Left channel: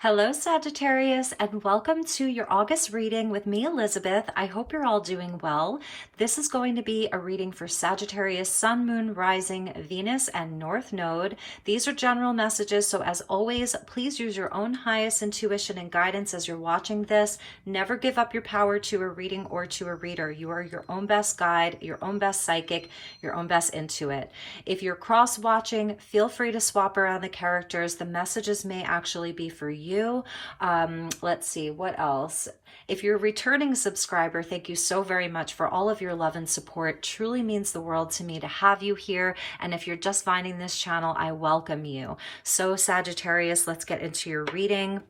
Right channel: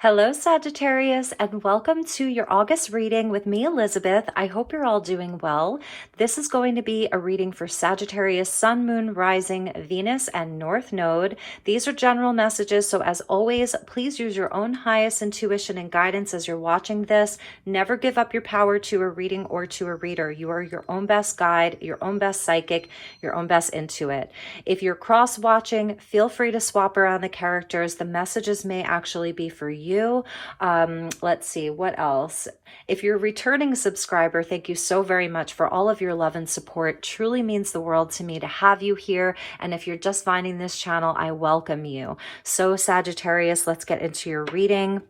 Hello, Sagittarius, and welcome to your August reading with me, Elizabeth. I hope you're all doing well. This is going to be a reading for Sagittarius, Sun, Moon, Rising, Venus, and North Node. These are general messages, so as always, please use your own highest intuition and guidance as you're watching this. Never give up your power to a reading or to a reader. You are your own best guide, your own best psychic, your own best intuit. If you're cross-watching, feel free to swap around the characters. The messages may actually be for you. Let's see, what else? If you're a returning subscriber, thank you so very much for all of your love and support. Truly means the world to me to have you here. And if you're just finding this channel, I welcome you. So Sagittarius, let's get into your reading.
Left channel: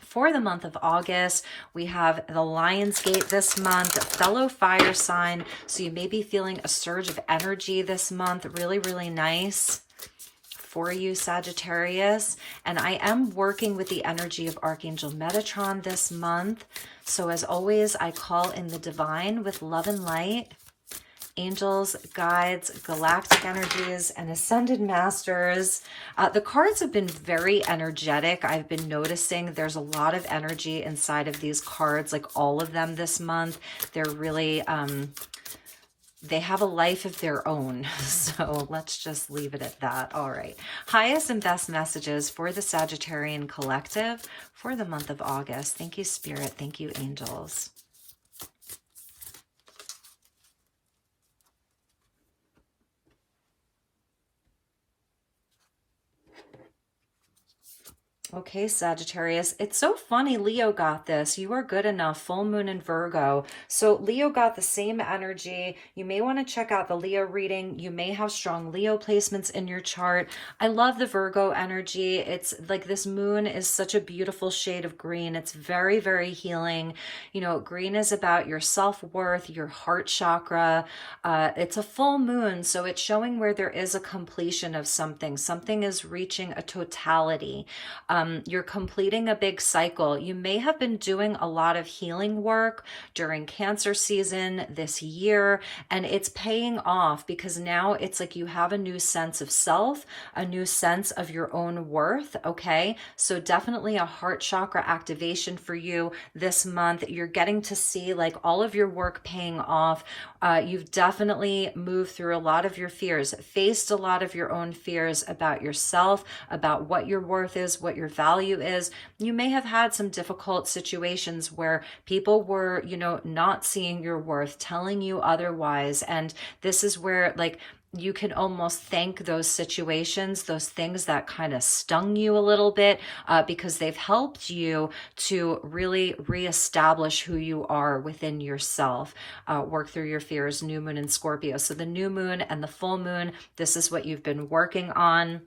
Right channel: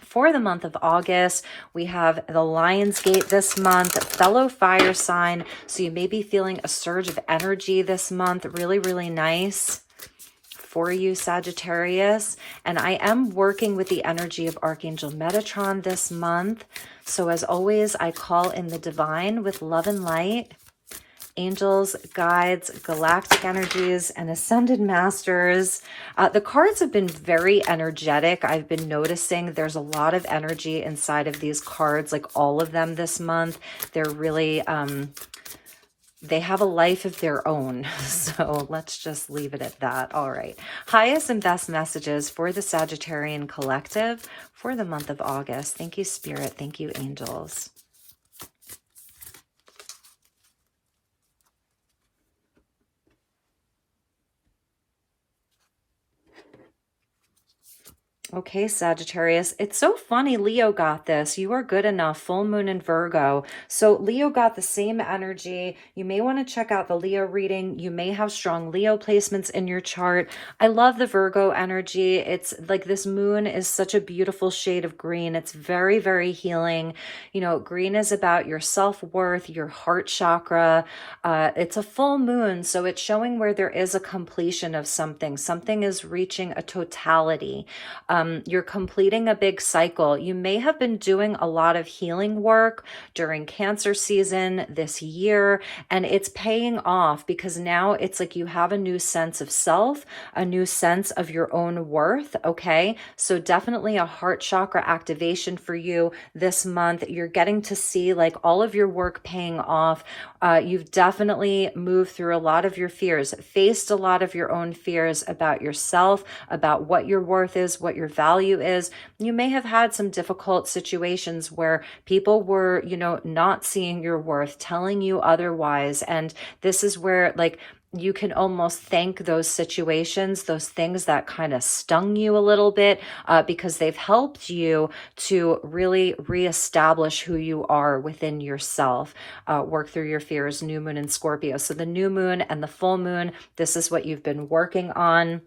For the month of August, we have the Lion's Gate this month, fellow fire sign. So you may be feeling a surge of energy this month. Really, really nice for you, Sagittarius. And I am working with the energy of Archangel Metatron this month. So as always, I call in the divine with love and light, angels, guides, galactic energies, and ascended masters. The cards have been very energetic. I've been noticing there's a lot of energy inside of these cards, like all of them this month. They're really, they have a life of their own. So let's just leave it at that. All right. Highest and best messages for the Sagittarian collective for the month of August. Thank you, Spirit. Thank you, angels. Okay, Sagittarius, it's so funny Leo got this. You are good enough, full moon in Virgo. So Leo got the same energy. You may want to check out the Leo reading. You may have strong Leo placements in your chart. I love the Virgo energy. It's like this moon is such a beautiful shade of green. It's very, very healing. You know, green is about your self-worth, your heart chakra. It's a full moon, so it's showing where there is a completion of something. Something is reaching a totality. You're completing a big cycle. You may have been doing a lot of healing work during Cancer season this year, and it's paying off because now it's like you have a new sense of self, a new sense of your own worth, okay? So definitely a heart chakra activation for you this month. You're getting to see like all of your work paying off. You've definitely moved through a lot of your fears, faced a lot of your own fears about yourself, about what your worth is, what your value is. You may have had some difficult situations where people were, you know, not seeing your worth, telling you otherwise. And this is where like you can almost thank those situations, those things that kind of stung you a little bit, because they've helped you to really reestablish who you are within yourself, work through your fears, new moon in Scorpio. So the new moon and the full moon, this is what you've been working on.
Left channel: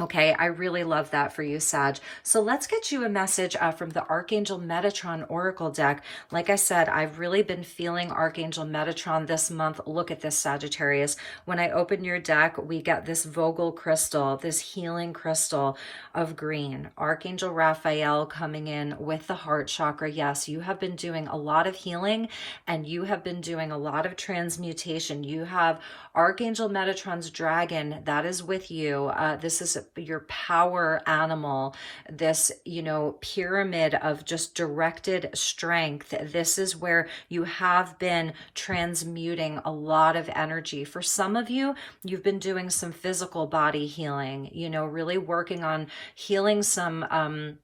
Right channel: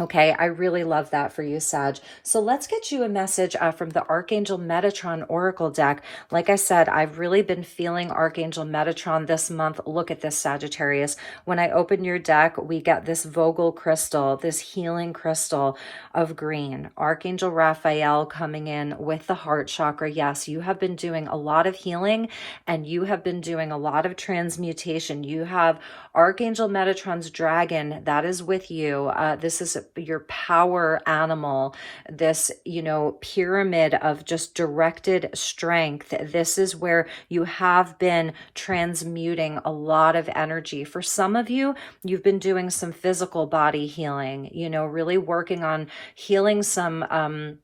Okay, I really love that for you, Sag. So let's get you a message from the Archangel Metatron Oracle deck. Like I said, I've really been feeling Archangel Metatron this month. Look at this, Sagittarius. When I open your deck, we get this Vogel crystal, this healing crystal of green. Archangel Raphael coming in with the heart chakra. Yes, you have been doing a lot of healing and you have been doing a lot of transmutation. You have Archangel Metatron's dragon that is with you. This is your power animal, this, you know, pyramid of just directed strength. This is where you have been transmuting a lot of energy. For some of you, you've been doing some physical body healing, you know, really working on healing some,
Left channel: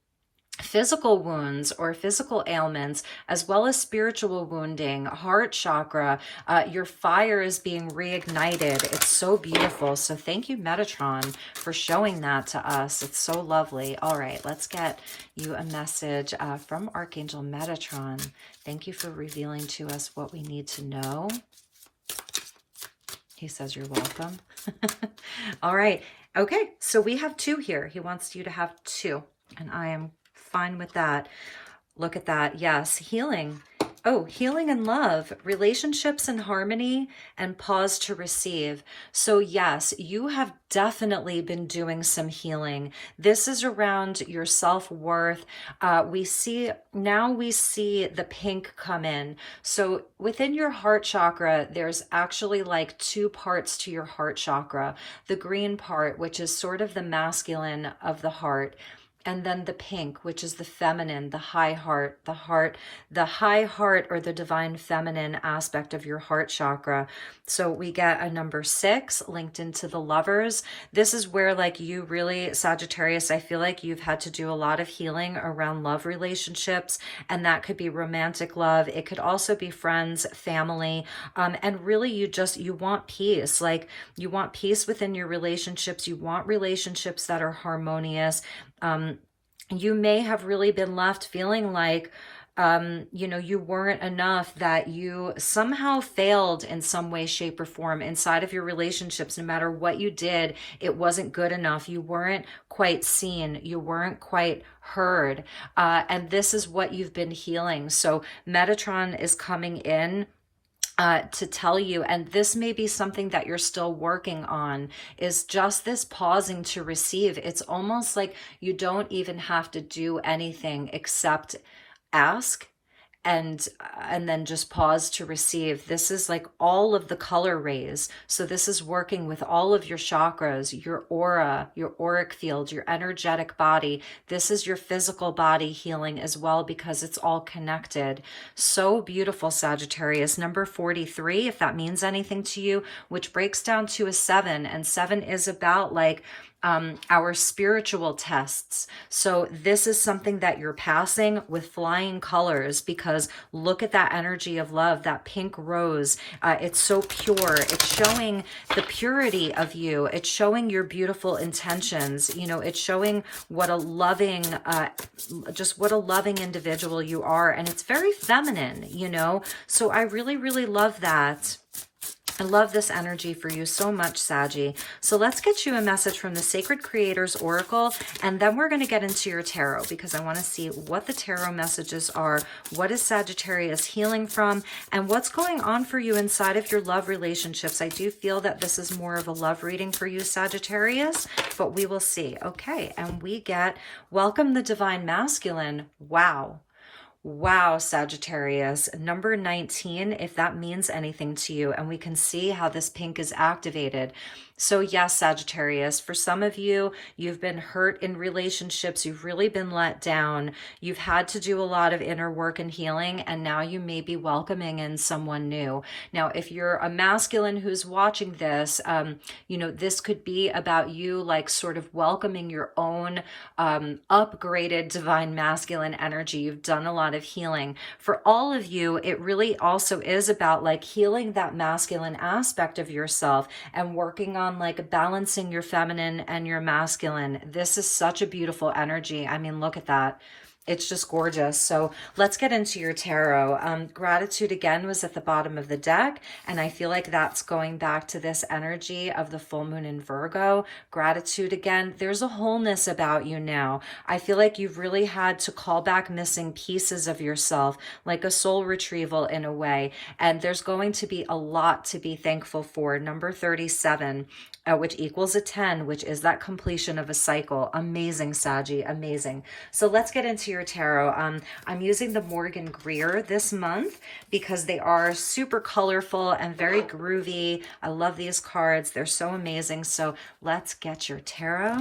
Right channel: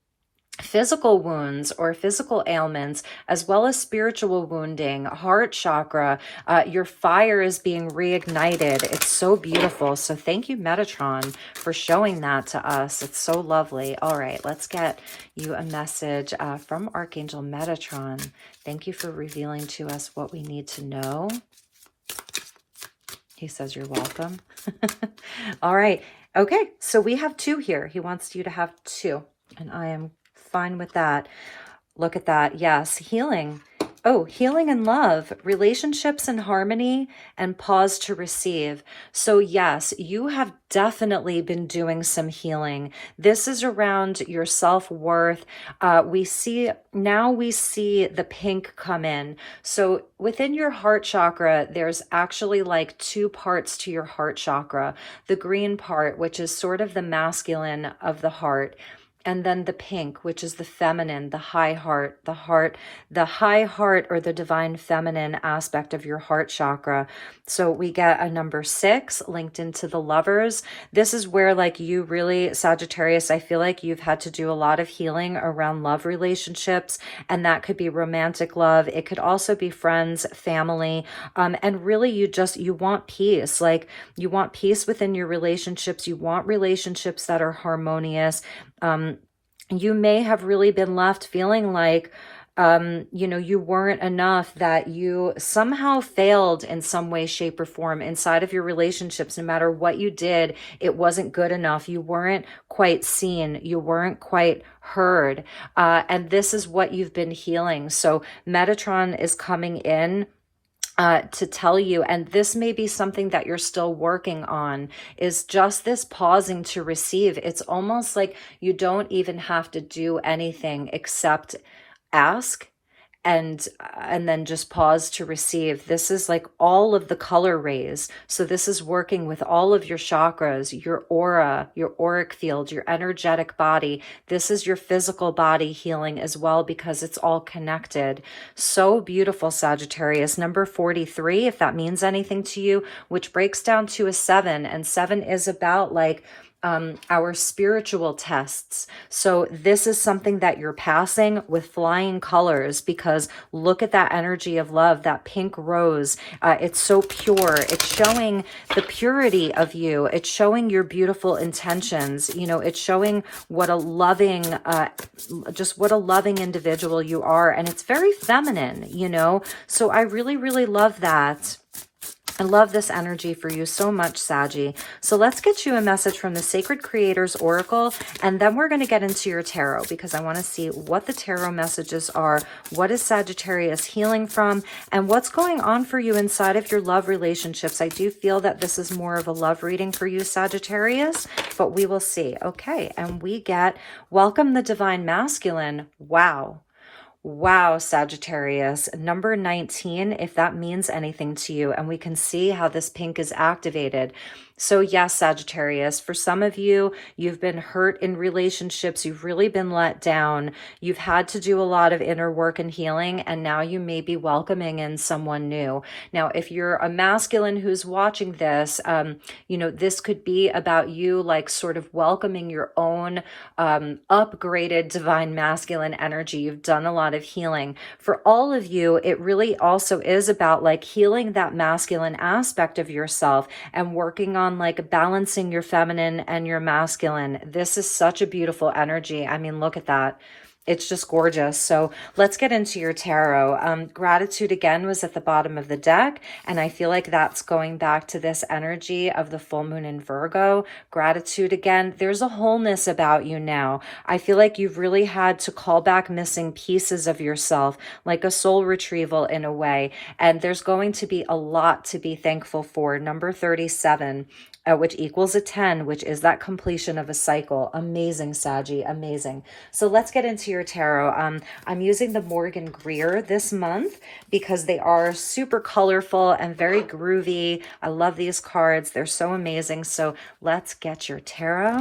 physical wounds or physical ailments, as well as spiritual wounding, heart chakra. Your fire is being reignited. It's so beautiful. So thank you, Metatron, for showing that to us. It's so lovely. All right, let's get you a message from Archangel Metatron. Thank you for revealing to us what we need to know. He says you're welcome. All right. Okay, so we have two here. He wants you to have two, and I am fine with that. Look at that. Yes, healing. Oh, healing and love, relationships and harmony, and pause to receive. So yes, you have definitely been doing some healing. This is around your self-worth. We see the pink come in. So within your heart chakra, there's actually like two parts to your heart chakra. The green part, which is sort of the masculine of the heart, and then the pink, which is the feminine, the high heart, the high heart, or the divine feminine aspect of your heart chakra. So we get a number 6 linked into the lovers. This is where, like, you really, Sagittarius, I feel like you've had to do a lot of healing around love relationships, and that could be romantic love. It could also be friends, family, and really you want peace. Like, you want peace within your relationships. You want relationships that are harmonious. You may have really been left feeling like, you weren't enough, that you somehow failed in some way, shape, or form inside of your relationships. No matter what you did, it wasn't good enough. You weren't quite seen. You weren't quite heard. And this is what you've been healing. So Metatron is coming in to tell you, and this may be something that you're still working on, is just this pausing to receive. It's almost like you don't even have to do anything except ask and then just pause to receive. This is like all of the color rays. So this is working with all of your chakras, your aura, your auric field, your energetic body. This is your physical body healing as well, because it's all connected. So beautiful, Sagittarius. Number 43, if that means anything to you, which breaks down to a 7, and 7 is about like our spiritual tests. So this is something that you're passing with flying colors, because look at that energy of love, that pink rose. It's so pure. It's showing the purity of you. It's showing your beautiful intentions. It's showing what a loving, just what a loving individual you are. And it's very feminine, So I really, really love that. I love this energy for you so much, Saggy. So let's get you a message from the Sacred Creators Oracle, and then we're going to get into your tarot, because I want to see what the tarot messages are, what is Sagittarius healing from, and what's going on for you inside of your love relationships. I do feel that this is more of a love reading for you, Sagittarius, but we will see. Okay, and we get Welcome the Divine Masculine. Wow. Wow, Sagittarius, number 19, if that means anything to you, and we can see how this pink is activated. So yes, Sagittarius, for some of you, you've been hurt in relationships. You've really been let down. You've had to do a lot of inner work and healing, and now you may be welcoming in someone new. Now, if you're a masculine who's watching this, this could be about you, like, sort of welcoming your own upgraded divine masculine energy. You've done a lot of healing. For all of you, it really also is about like healing that masculine aspect of yourself and working on like balancing your feminine and your masculine. This is such a beautiful energy. I mean, look at that. It's just gorgeous. So let's get into your tarot. Gratitude again was at the bottom of the deck, and I feel like that's going back to this energy of the full moon in Virgo. Gratitude again. There's a wholeness about you now. I feel like you've really had to call back missing pieces of yourself, like a soul retrieval in a way. And there's going to be a lot to be thankful for. Number 37. Which equals a 10, which is that completion of a cycle. Amazing, Saggy, amazing. So let's get into your tarot. I'm using the Morgan Greer this month because they are super colorful and very groovy. I love these cards. They're so amazing. So let's get your tarot.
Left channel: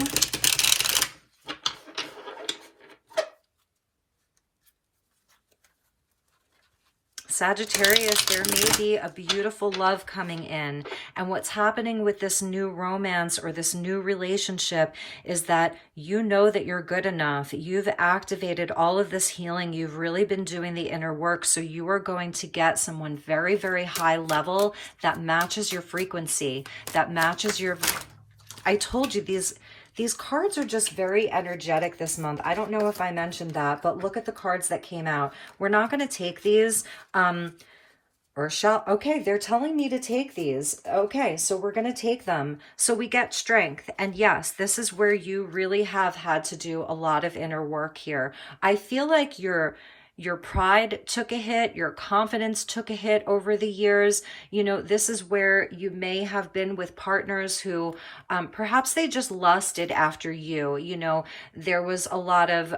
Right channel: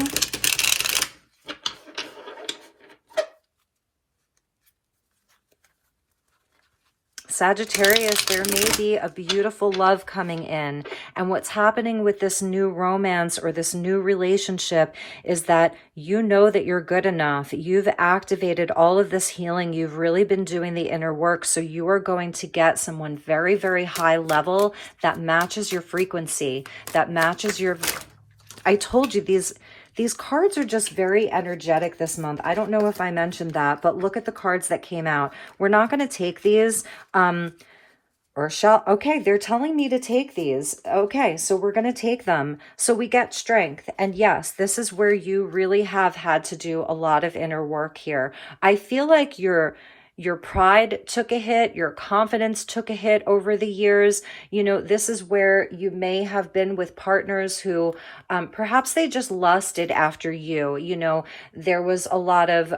Sagittarius, there may be a beautiful love coming in. And what's happening with this new romance or this new relationship is that you know that you're good enough. You've activated all of this healing. You've really been doing the inner work. So you are going to get someone very, very high level that matches your frequency, that matches your... I told you these cards are just very energetic this month. I don't know if I mentioned that, but look at the cards that came out. We're not going to take these, okay, they're telling me to take these. Okay, so we're going to take them. So we get strength. And yes, this is where you really have had to do a lot of inner work here. I feel like your pride took a hit, your confidence took a hit over the years. This is where you may have been with partners who perhaps they just lusted after you. There was a lot of,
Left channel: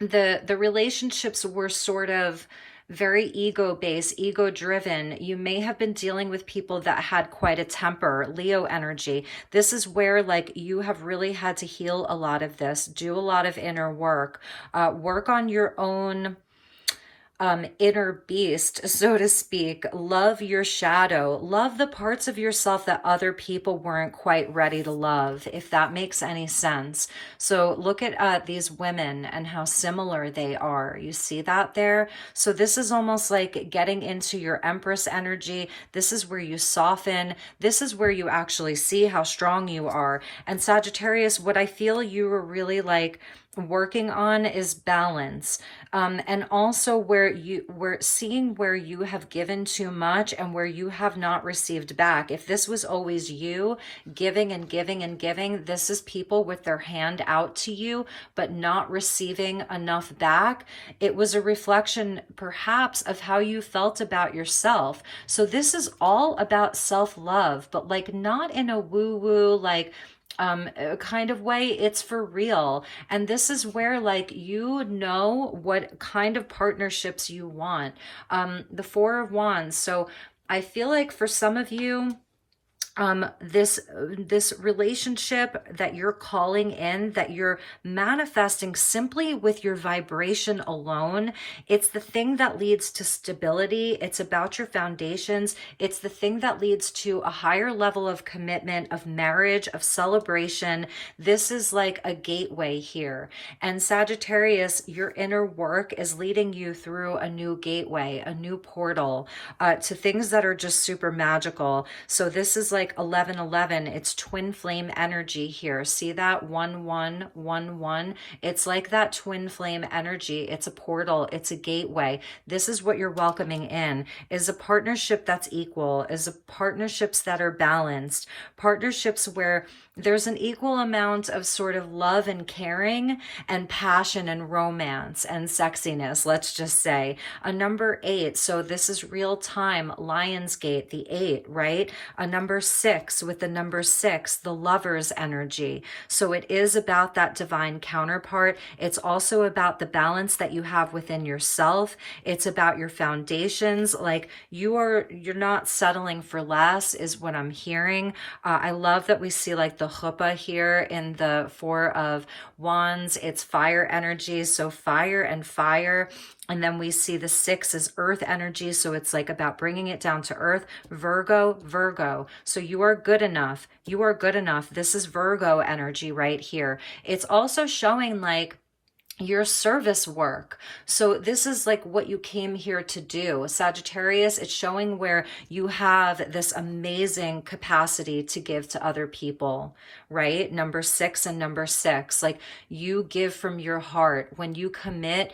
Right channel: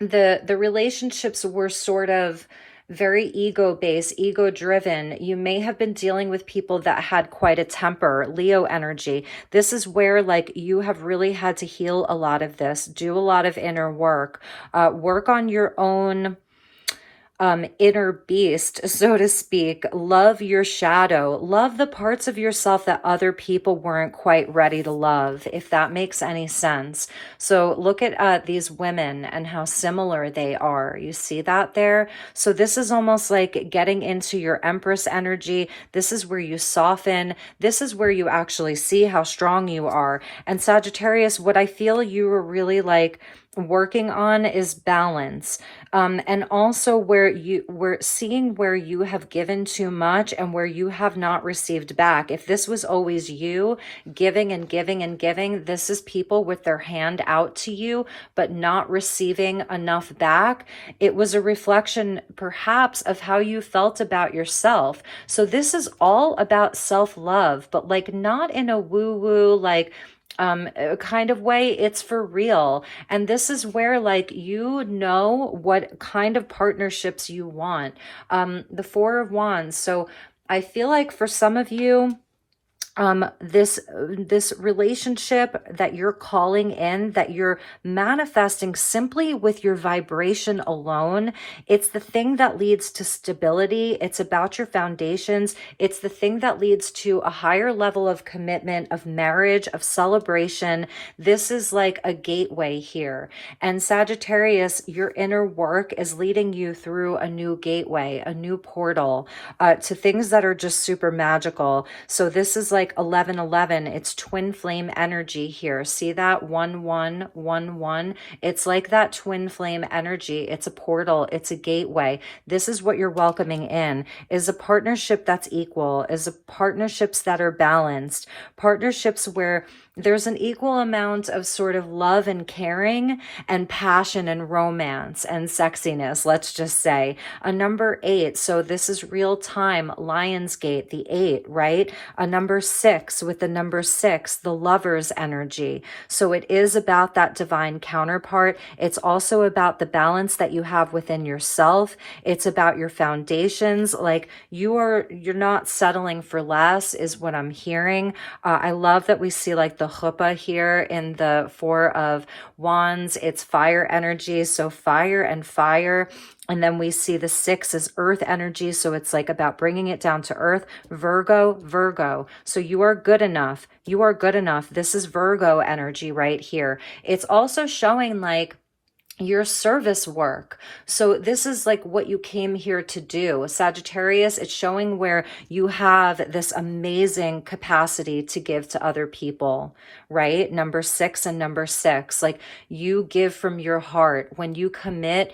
the relationships were sort of, very ego-based, ego-driven. You may have been dealing with people that had quite a temper, Leo energy. This is where like you have really had to heal a lot of this, do a lot of inner work, work on your own inner beast, so to speak. Love your shadow. Love the parts of yourself that other people weren't quite ready to love, if that makes any sense. So look at these women and how similar they are. You see that there? So this is almost like getting into your Empress energy. This is where you soften. This is where you actually see how strong you are. And Sagittarius, what I feel you were really like working on is balance, and also we're seeing where you have given too much and where you have not received back. If this was always you giving and giving and giving, this is people with their hand out to you but not receiving enough back. It was a reflection perhaps of how you felt about yourself. So this is all about self-love, but like not in a woo-woo like kind of way. It's for real. And this is where like you know what kind of partnerships you want. The Four of Wands. So I feel like for some of you, this relationship that you're calling in, that you're manifesting simply with your vibration alone, it's the thing that leads to stability. It's about your foundations. It's the thing that leads to a higher level of commitment, of marriage, of celebration. This is like a gateway here. And Sagittarius, your inner work is leading you through a new gateway, a new portal, to things that are just super magical. So this is like 1111. It's twin flame energy here. See that 1111? It's like that twin flame energy. It's a portal. It's a gateway. This is what you're welcoming in, is a partnership that's equal, is a partnerships that are balanced, partnerships where there's an equal amount of sort of love and caring and passion and romance and sexiness, let's just say. A number 8, so this is real time, Lionsgate, the 8, right? A number 6 with the number 6, the lover's energy. So it is about that divine counterpart. It's also about the balance that you have within yourself. It's about your foundations. Like you're not settling for less is what I'm hearing. I love that we see like the chuppah here in the Four of Wands. It's fire energy, so fire and fire. And then we see the 6 as earth energy, so it's like about bringing it down to earth. Virgo, Virgo. So you are good enough. You are good enough. This is Virgo energy right here. It's also showing like your service work. So this is like what you came here to do. Sagittarius, it's showing where you have this amazing capacity to give to other people, right? Number 6 and number 6, like you give from your heart. When you commit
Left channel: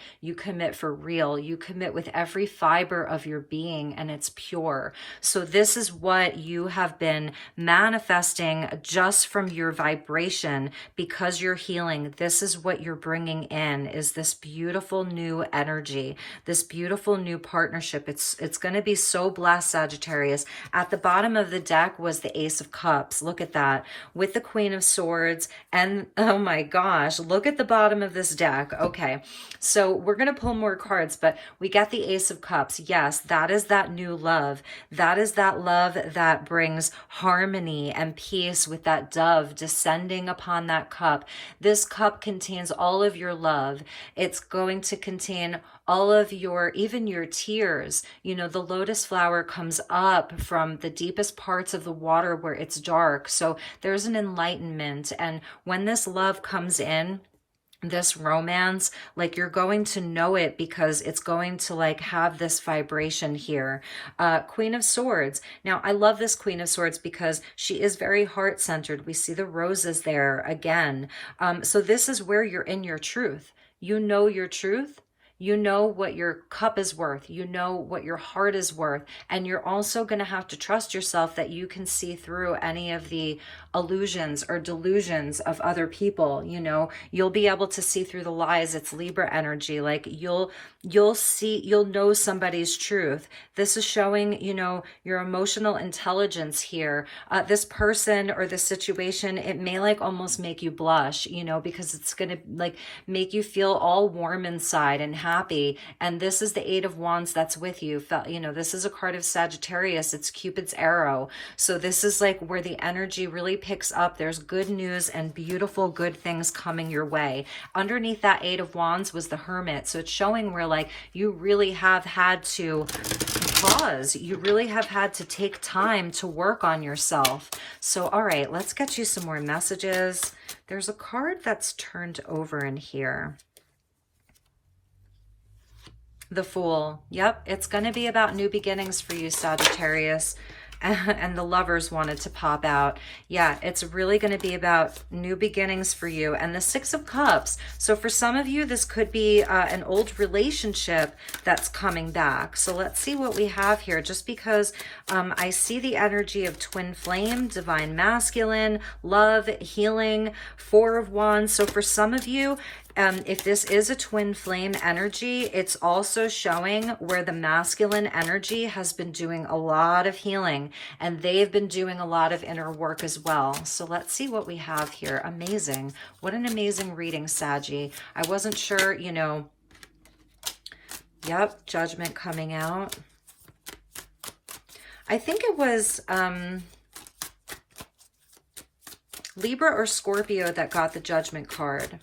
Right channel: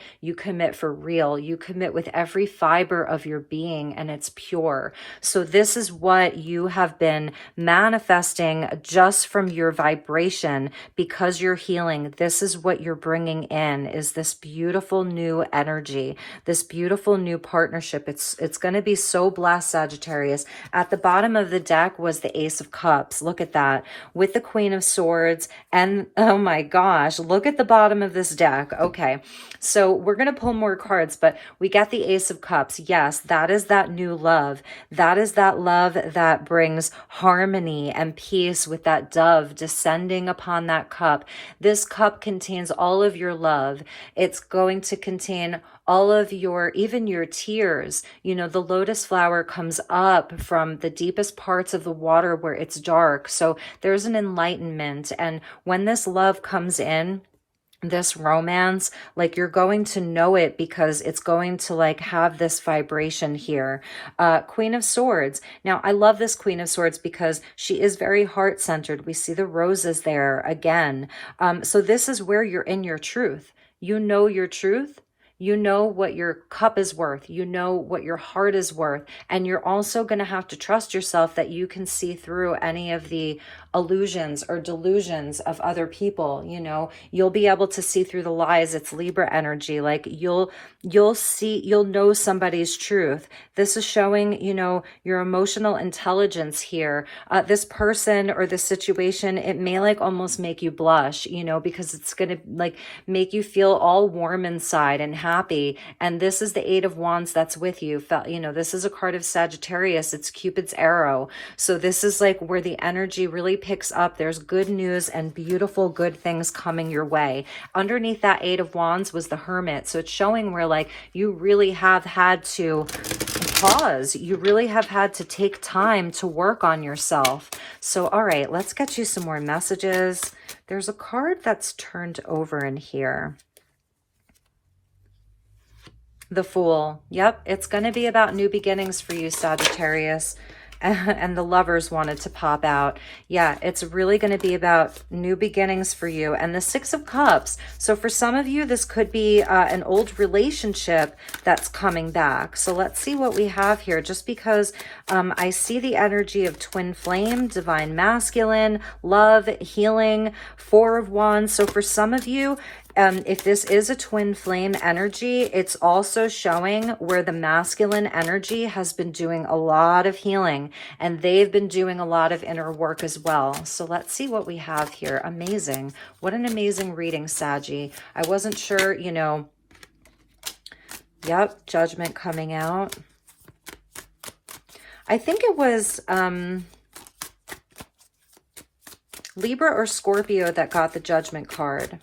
for real. You commit with every fiber of your being and it's pure. So this is what you have been manifesting just from your vibration because you're healing. This is what you're bringing in, is this beautiful new energy, this beautiful new partnership. It's going to be so blessed, Sagittarius. At the bottom of the deck was the Ace of Cups. Look at that, with the Queen of Swords. And oh my gosh, look at the bottom of this deck. Okay, so we're going to pull more cards, but we get the Ace of Cups. Yes, that is that new love. That is that love that brings harmony and peace, with that dove descending upon that cup. This cup contains all of your love. It's going to contain all of your, even your tears. You know, the lotus flower comes up from the deepest parts of the water where it's dark. So there's an enlightenment. And when this love comes in, this romance, like you're going to know it because it's going to like have this vibration here. Queen of Swords. Now, I love this Queen of Swords because she is very heart-centered. We see the roses there again. So this is where you're in your truth. You know your truth. You know what your cup is worth. You know what your heart is worth. And you're also going to have to trust yourself that you can see through any of the illusions or delusions of other people. You know, you'll be able to see through the lies. It's Libra energy. Like you'll know somebody's truth. This is showing, you know, your emotional intelligence here. This person or this situation, it may like almost make you blush, you know, because it's going to like make you feel all warm inside and happy. And this is the Eight of Wands that's with you. You know, this is a card of Sagittarius. It's Cupid's arrow. So this is like where the energy really picks up. There's good news and beautiful good things coming your way. Underneath that Eight of Wands was the Hermit. So it's showing where like you really have had to pause. You really have had to take time to work on yourself. So, all right, let's get you some more messages. There's a card that's turned over in here. The Fool. Yep, it's going to be about new beginnings for you, Sagittarius. And the Lovers wanted to pop out. Yeah, it's really going to be about new beginnings for you. And the Six of Cups. So for some of you, this could be an old relationship that's coming back. So let's see what we have here. Just because I see the energy of twin flame, divine masculine, love, healing, Four of Wands. So for some of you, if this is a twin flame energy, it's also showing where the masculine energy has been doing a lot of healing and they've been doing a lot of inner work as well. So let's see what we have here. Amazing. What an amazing reading, Saggy. I wasn't sure, you know. Yep, Judgment coming out. I think it was Libra or Scorpio that got the Judgment card.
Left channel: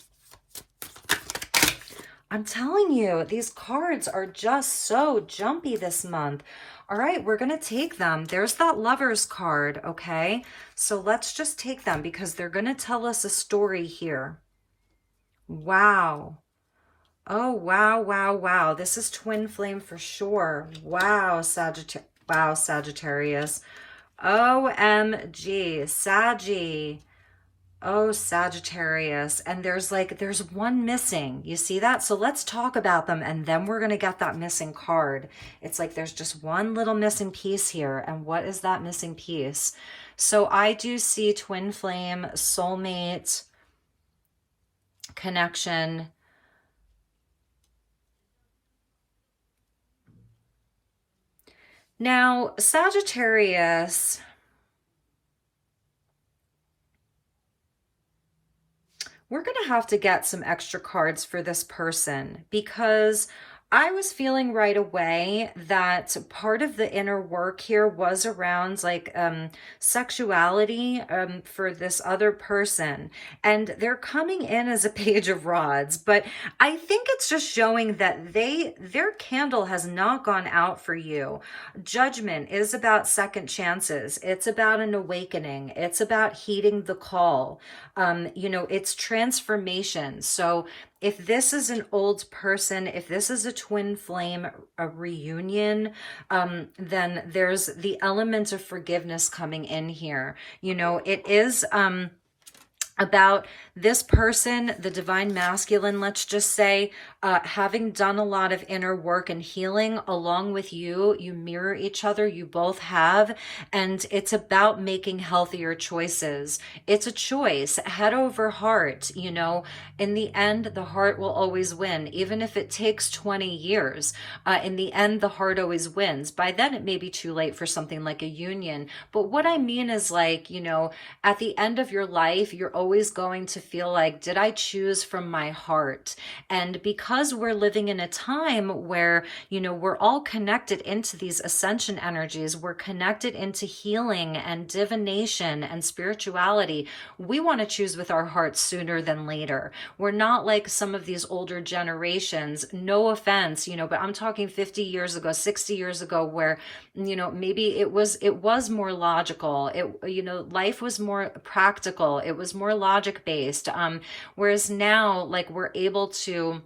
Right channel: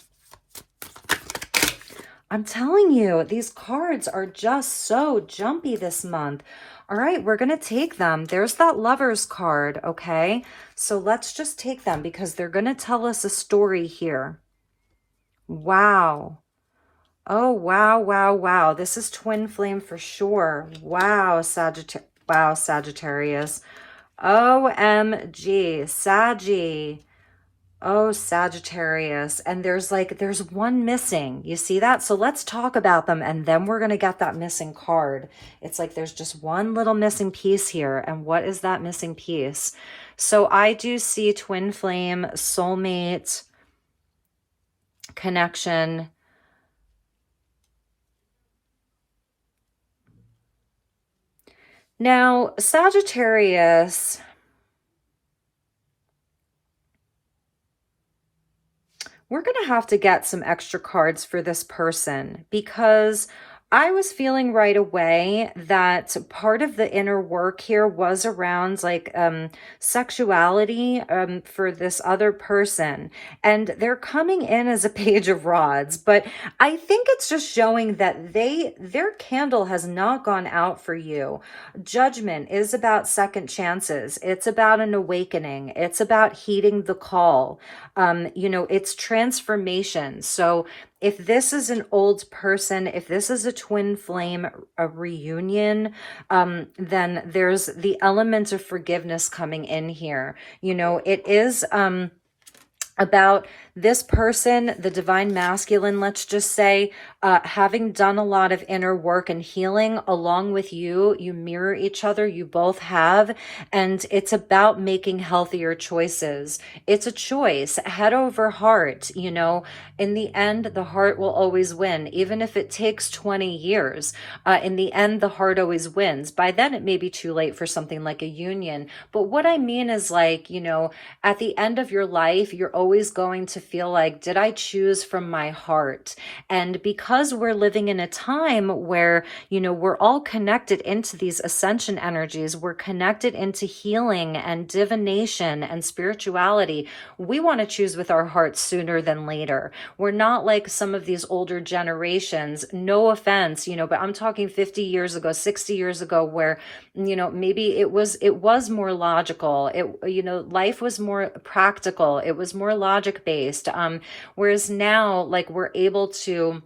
I'm telling you, these cards are just so jumpy this month. All right, we're going to take them. There's that Lovers card, okay? So let's just take them because they're going to tell us a story here. Wow. Oh, wow, wow, wow. This is twin flame for sure. Wow, Sagittarius. OMG, Saggy. Oh, Sagittarius. And there's one missing. You see that? So let's talk about them and then we're going to get that missing card. It's like there's just one little missing piece here. And what is that missing piece? So I do see twin flame, soulmate, connection. Now, Sagittarius, we're going to have to get some extra cards for this person because I was feeling right away that part of the inner work here was around like sexuality for this other person. And they're coming in as a Page of Rods, but I think it's just showing that their candle has not gone out for you. Judgment is about second chances. It's about an awakening. It's about heeding the call. You know, it's transformation. So if this is an old person, if this is a twin flame, a reunion, then there's the element of forgiveness coming in here. You know, it is about this person, the divine masculine, let's just say, having done a lot of inner work and healing along with you. You mirror each other, you both have, and it's about making healthier choices. It's a choice, head over heart, you know. In the end, the heart will always win, even if it takes 20 years. In the end, the heart always wins. By then, it may be too late for something like a union. But what I mean is like, you know, at the end of your life, you're always going to feel like, did I choose from my heart? And because we're living in a time where, you know, we're all connected into these ascension energies, we're connected into healing and divination and spirituality, we want to choose with our hearts sooner than later. We're not like some of these older generations, no offense, you know, but I'm talking 50 years ago, 60 years ago, where, you know, maybe it was more logical. You know, life was more practical. It was more logic based. Whereas now, like, we're able to,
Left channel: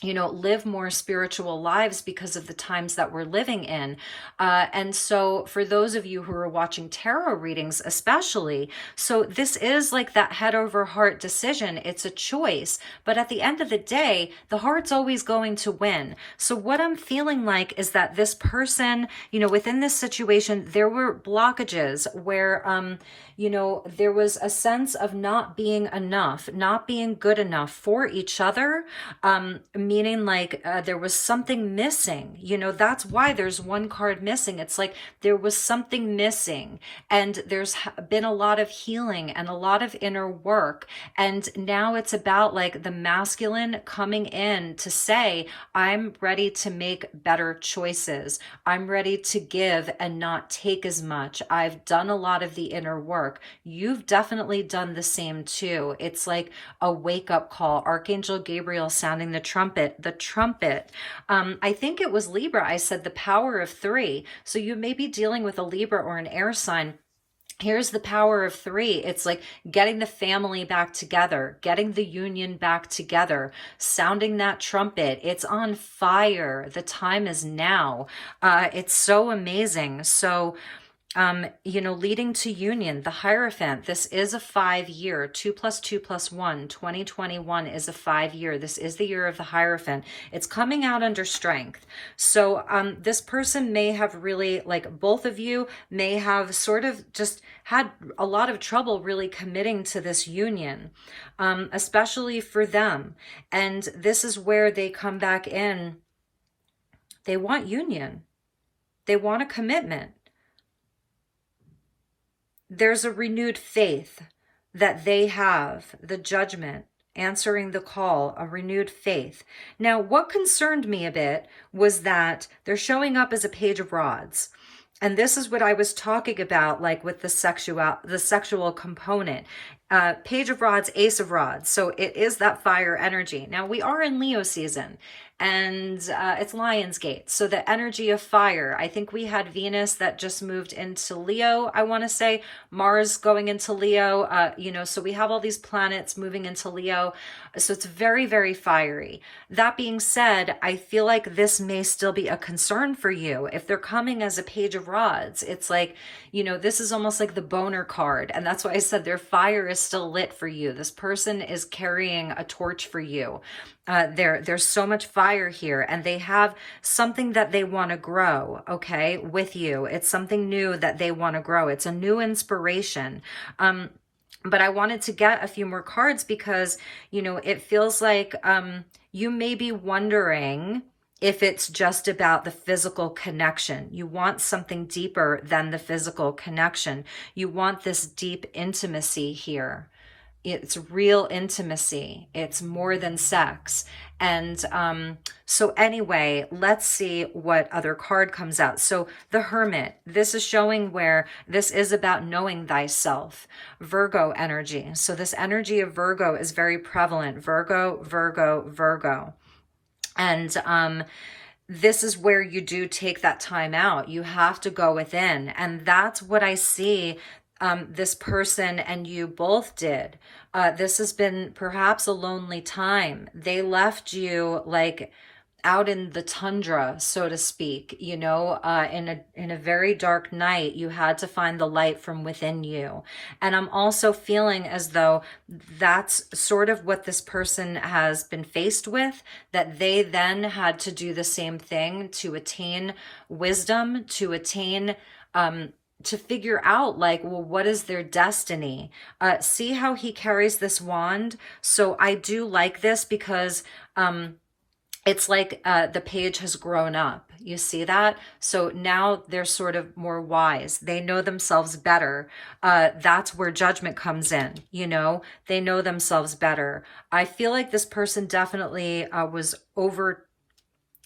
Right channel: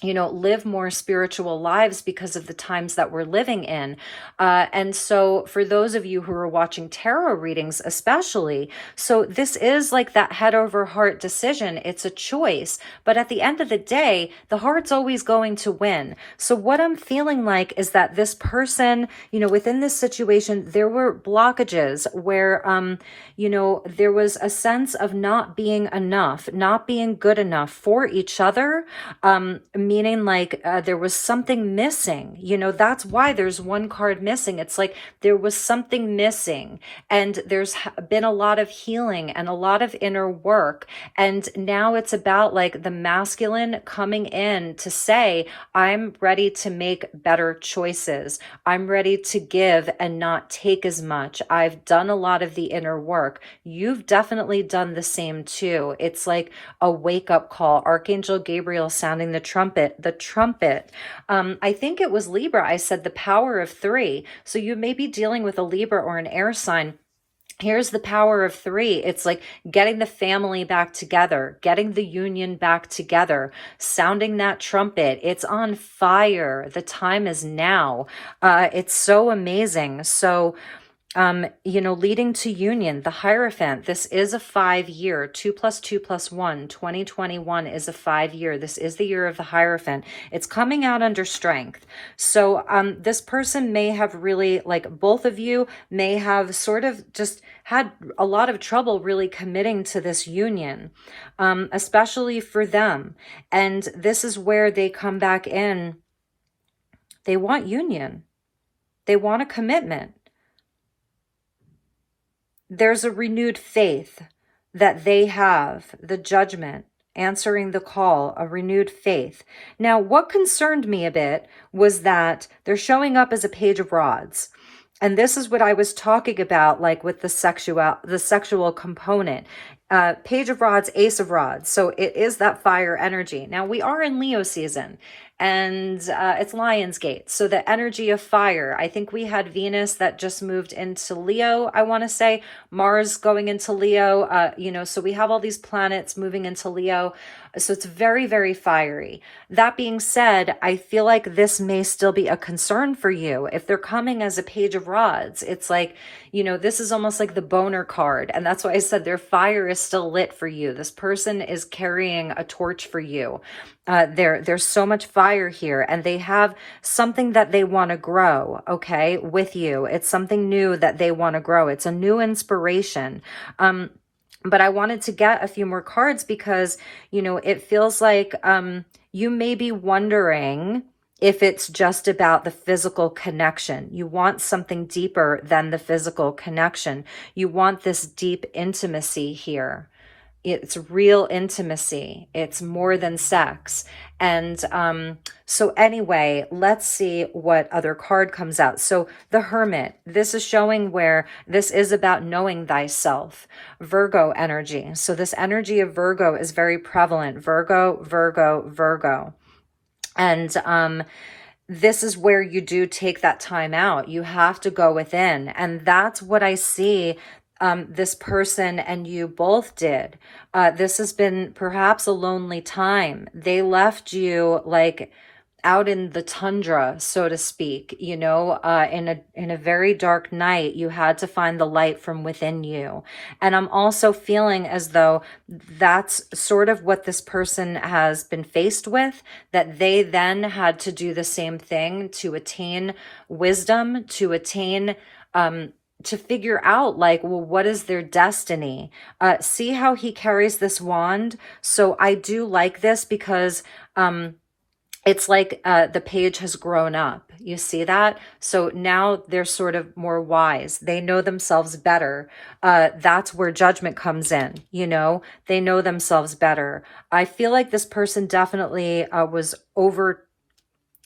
you know, live more spiritual lives because of the times that we're living in. And so for those of you who are watching tarot readings, especially, so this is like that head over heart decision. It's a choice, but at the end of the day, the heart's always going to win. So what I'm feeling like is that this person, you know, within this situation, there were blockages where, you know, there was a sense of not being enough, not being good enough for each other, meaning like there was something missing. You know, that's why there's one card missing. It's like there was something missing, and there's been a lot of healing and a lot of inner work. And now it's about like the masculine coming in to say, I'm ready to make better choices. I'm ready to give and not take as much. I've done a lot of the inner work. You've definitely done the same too. It's like a wake-up call. Archangel Gabriel sounding the trumpet. I think it was Libra. I said the power of 3. So you may be dealing with a Libra or an air sign. Here's the power of 3. It's like getting the family back together, getting the union back together, sounding that trumpet. It's on fire. The time is now. It's so amazing. So, you know, leading to union, the Hierophant, this is a 5-year, 2 + 2 + 1, 2021 is a 5-year. This is the year of the Hierophant. It's coming out under strength. So this person may have really, like both of you may have sort of just had a lot of trouble really committing to this union, especially for them. And this is where they come back in. They want union. They want a commitment. There's a renewed faith that they have, the Judgment, answering the call, a renewed faith. Now, what concerned me a bit was that they're showing up as a Page of Rods. And this is what I was talking about, like with the sexual component. Page of Rods, Ace of Rods. So it is that fire energy. Now, we are in Leo season, and it's Lionsgate. So the energy of fire. I think we had Venus that just moved into Leo, I want to say. Mars going into Leo, you know, so we have all these planets moving into Leo. So it's very, very fiery. That being said, I feel like this may still be a concern for you. If they're coming as a Page of Rods, it's like, you know, this is almost like the boner card. And that's why I said their fire is still lit for you. This person is carrying a torch for you. There's so much fire here, and they have something that they want to grow, okay, with you. It's something new that they want to grow. It's a new inspiration. But I wanted to get a few more cards because, you know, it feels like you may be wondering if it's just about the physical connection. You want something deeper than the physical connection. You want this deep intimacy here. It's real intimacy. It's more than sex. And so anyway, let's see what other card comes out. So the Hermit, this is showing where this is about knowing thyself. Virgo energy. So this energy of Virgo is very prevalent. Virgo. And this is where you do take that time out. You have to go within. And that's what I see this person and you both did. This has been perhaps a lonely time. They left you like out in the tundra, so to speak, you know, in a very dark night. You had to find the light from within you. And I'm also feeling as though that's sort of what this person has been faced with, that they then had to do the same thing to attain wisdom, to attain to figure out like, well, what is their destiny? See how he carries this wand? So I do like this because it's like the page has grown up. You see that? So now they're sort of more wise. They know themselves better. That's where Judgment comes in. You know, they know themselves better. I feel like this person definitely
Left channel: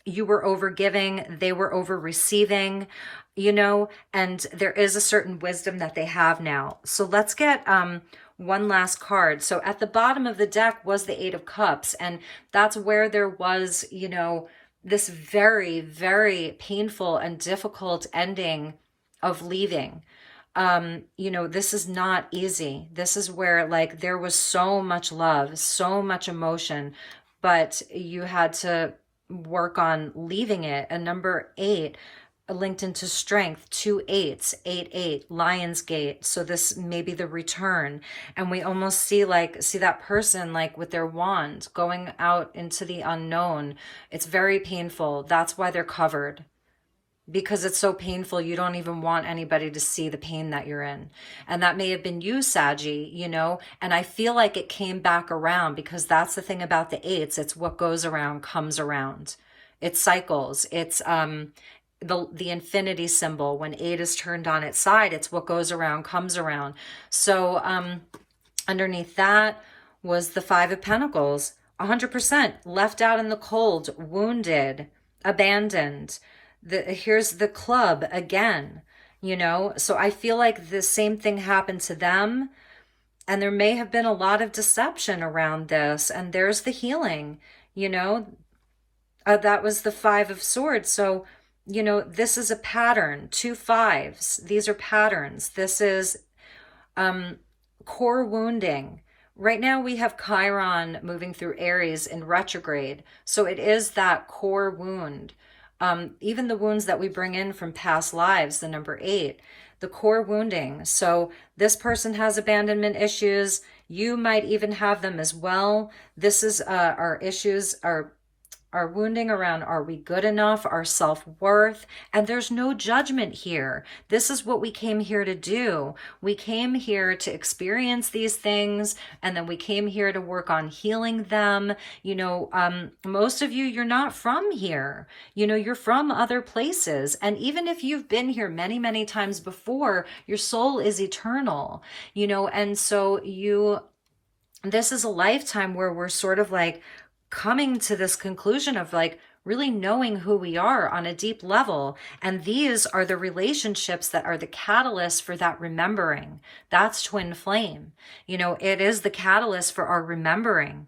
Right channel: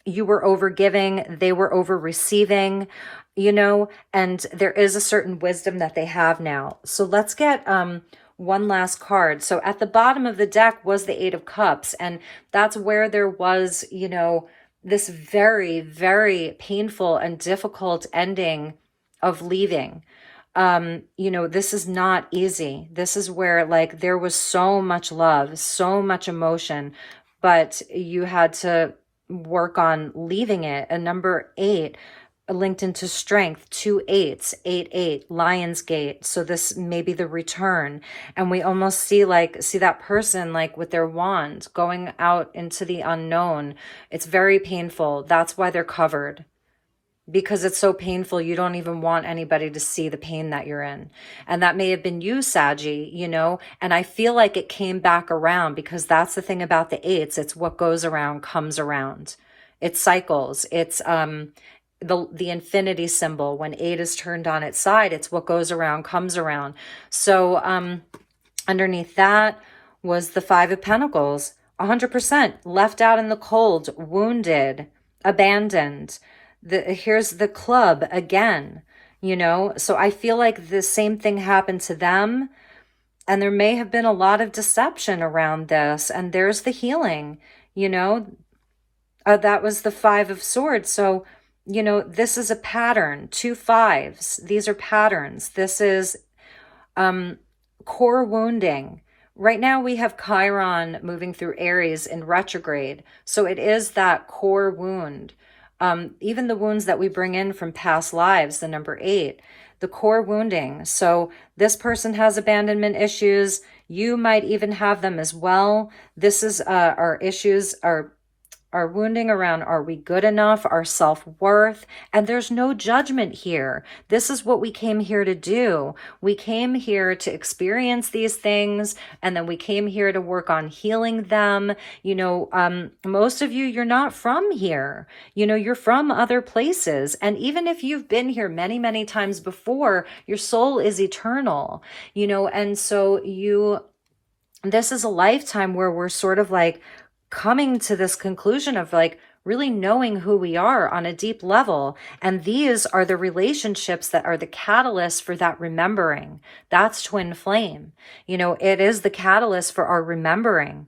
you were over giving, they were over receiving, you know, and there is a certain wisdom that they have now. So let's get one last card. So at the bottom of the deck was the Eight of Cups, and that's where there was, you know, this very, very painful and difficult ending of leaving. You know, this is not easy. This is where like there was so much love, so much emotion, but you had to work on leaving it. A number 8 linked into strength, 2 8s, 8 Lionsgate. So this may be the return. And we almost see that person like with their wand going out into the unknown. It's very painful. That's why they're covered. because it's so painful. You don't even want anybody to see the pain that you're in. And that may have been you, Saggy, you know, and I feel like it came back around, because that's the thing about the eights. It's what goes around comes around. It cycles. It's the infinity symbol. When 8 is turned on its side, it's what goes around comes around. So underneath that was the 5 of Pentacles. 100% left out in the cold, wounded, abandoned. Here's the club again, you know. So I feel like the same thing happened to them, and there may have been a lot of deception around this, and there's the healing, you know. That was the 5 of Swords. So, you know, this is a pattern. 2 5s. These are patterns. This is core wounding. Right now we have Chiron moving through Aries in retrograde. So it is that core wound. Even the wounds that we bring in from past lives, the number 8, the core wounding. So this person has abandonment issues. You might even have them as well. This is our issues, our wounding around, are we good enough, our self-worth, and there's no judgment here. This is what we came here to do. We came here to experience these things, and then we came here to work on healing them. You know, most of you, you're not from here. You know, you're from other places, and even if you've been here many, many times before, your soul is eternal, you know, and so this is a lifetime where we're sort of like coming to this conclusion of like really knowing who we are on a deep level. And these are the relationships that are the catalyst for that remembering. That's twin flame. You know, it is the catalyst for our remembering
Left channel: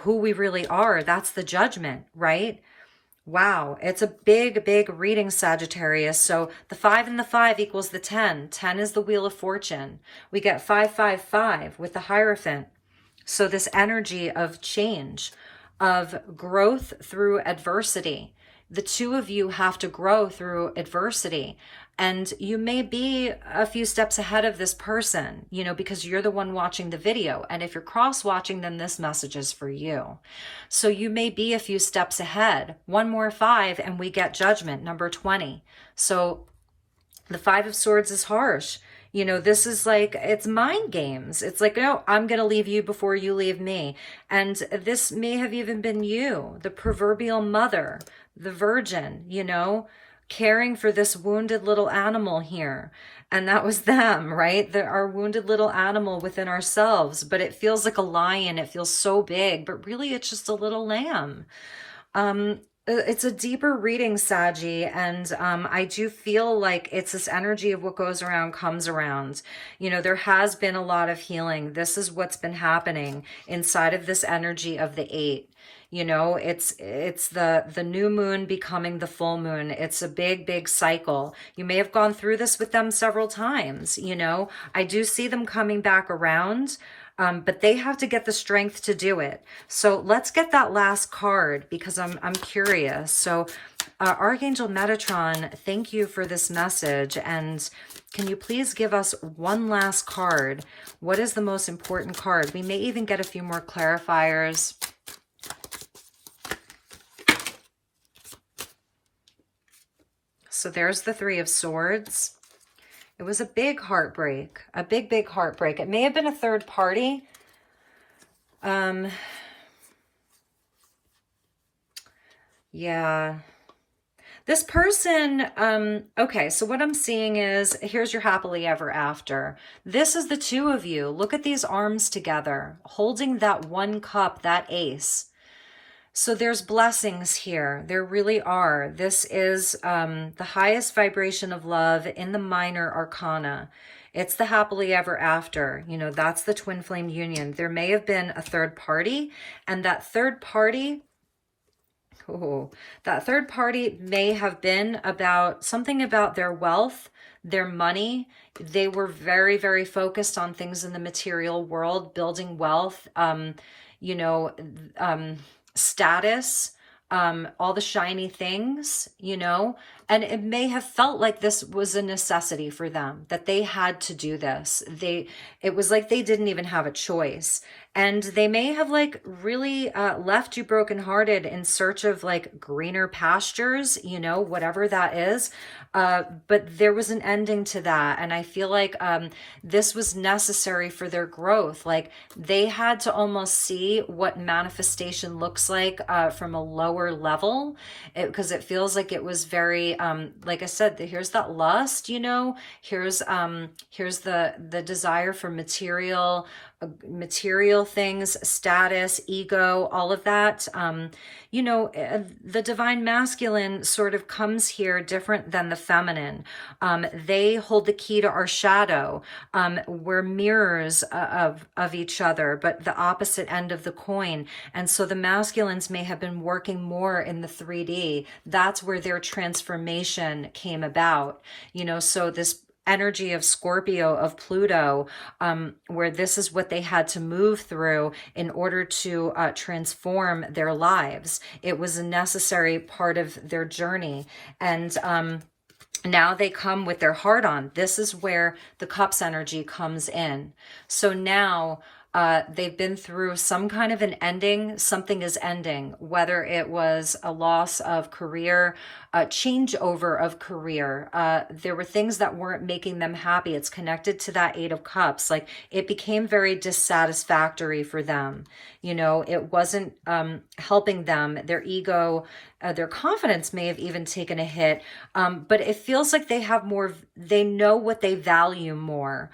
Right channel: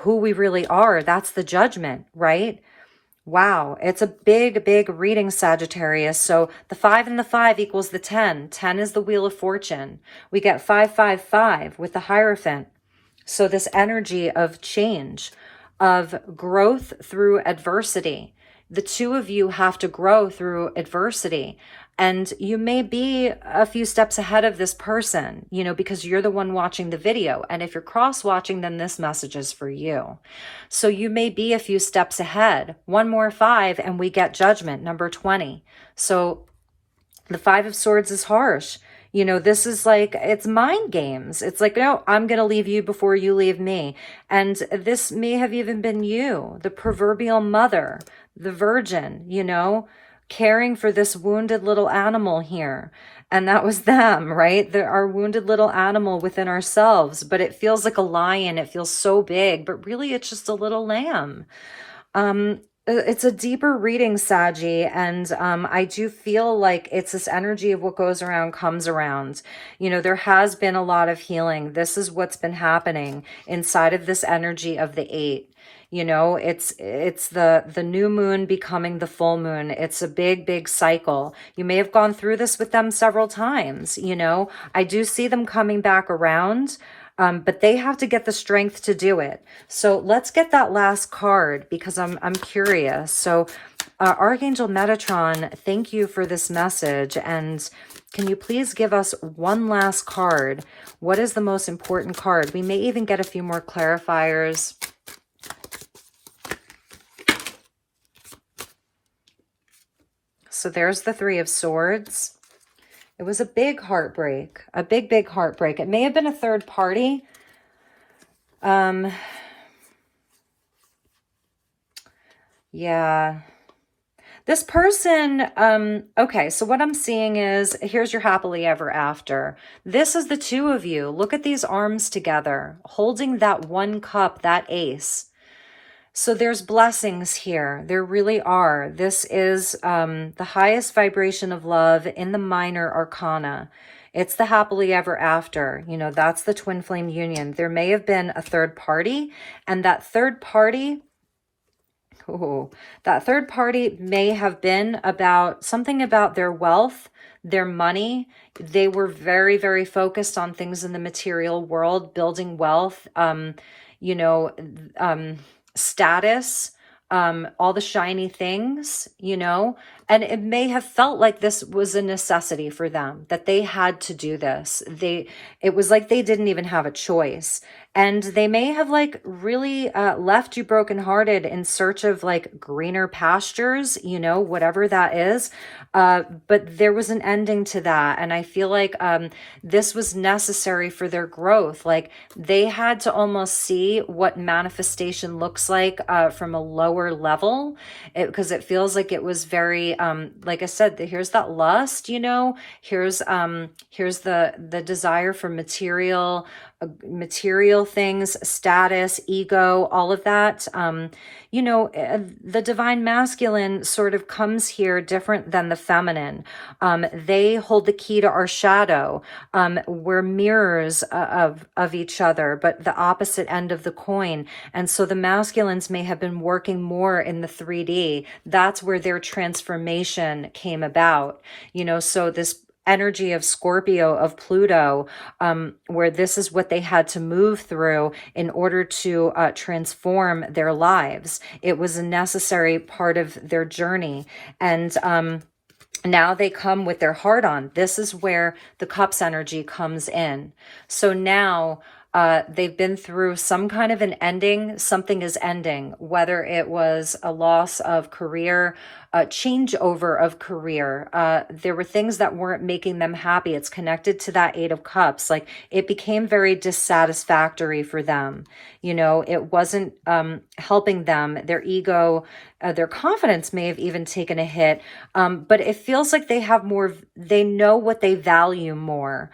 who we really are. That's the judgment, right? Wow, it's a big, big reading, Sagittarius. So the 5 and the 5 equals the 10. 10 is the Wheel of Fortune. We get 555 with the Hierophant. So this energy of change, of growth through adversity. The two of you have to grow through adversity. And you may be a few steps ahead of this person, you know, because you're the one watching the video. And if you're cross-watching, then this message is for you. So you may be a few steps ahead. One more 5 and we get Judgment, number 20. So the 5 of Swords is harsh. You know, this is like, it's mind games. It's like, no, I'm going to leave you before you leave me. And this may have even been you, the proverbial mother, the virgin, you know, caring for this wounded little animal here. And that was them, right? Our wounded little animal within ourselves. But it feels like a lion. It feels so big, but really it's just a little lamb. It's a deeper reading, Saggy, and I do feel like it's this energy of what goes around comes around. You know, there has been a lot of healing. This is what's been happening inside of this energy of the 8. You know, it's the new moon becoming the full moon. It's a big, big cycle. You may have gone through this with them several times, you know. I do see them coming back around. But they have to get the strength to do it. So let's get that last card because I'm curious. So Archangel Metatron, thank you for this message. And can you please give us one last card? What is the most important card? We may even get a few more clarifiers. So there's the 3 of Swords. It was a big heartbreak, a big, big heartbreak. It may have been a third party. Yeah. This person, okay, so what I'm seeing is, here's your happily ever after. This is the 2 of you. Look at these arms together, holding that 1 cup, that ace. So there's blessings here. There really are. This is the highest vibration of love in the minor arcana. It's the happily ever after. You know, that's the twin flame union. There may have been a third party, and that third party, may have been about something about their wealth, their money. They were very, very focused on things in the material world, building wealth, you know, status, all the shiny things, you know, and it may have felt like this was a necessity for them, that they had to do this. It was like they didn't even have a choice. And they may have like really left you brokenhearted in search of like greener pastures, you know, whatever that is. But there was an ending to that. And I feel like this was necessary for their growth. Like they had to almost see what manifestation looks like from a lower level, because it feels like it was very, like I said, here's that lust, you know, here's the desire for material things, status, ego, all of that. You know, the divine masculine sort of comes here different than the feminine. They hold the key to our shadow. We're mirrors of each other, but the opposite end of the coin. And so the masculines may have been working more in the 3D. That's where their transformation came about. You know, so this energy of Scorpio, of Pluto, where this is what they had to move through in order to transform their lives. It was a necessary part of their journey. And now they come with their heart on. This is where the Cups energy comes in. So now they've been through some kind of an ending. Something is ending, whether it was a loss of career, a changeover of career. There were things that weren't making them happy. It's connected to that Eight of Cups. Like it became very dissatisfactory for them. You know, it wasn't helping them. Their ego, their confidence may have even taken a hit. But it feels like they have more, they know what they value more.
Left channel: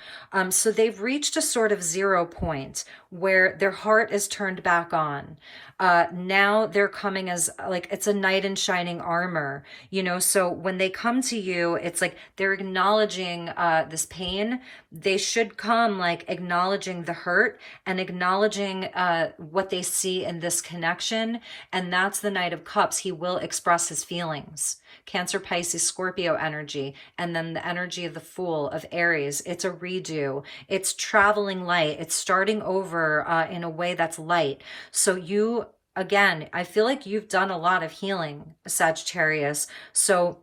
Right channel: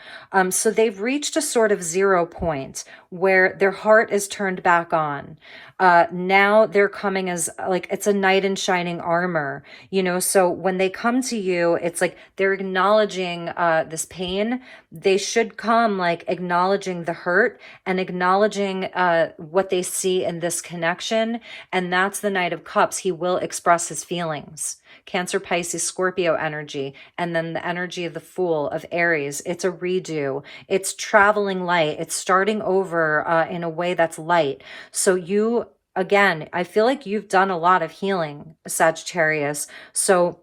So they've reached a sort of 0 point where their heart is turned back on. Now they're coming as like, it's a knight in shining armor, you know, so when they come to you, it's like they're acknowledging this pain. They should come like acknowledging the hurt and acknowledging what they see in this connection. And that's the Knight of Cups. He will express his feelings. Cancer, Pisces, Scorpio energy, and then the energy of the Fool, of Aries. It's a redo. It's traveling light. It's starting over in a way that's light. So you, again, I feel like you've done a lot of healing, Sagittarius. So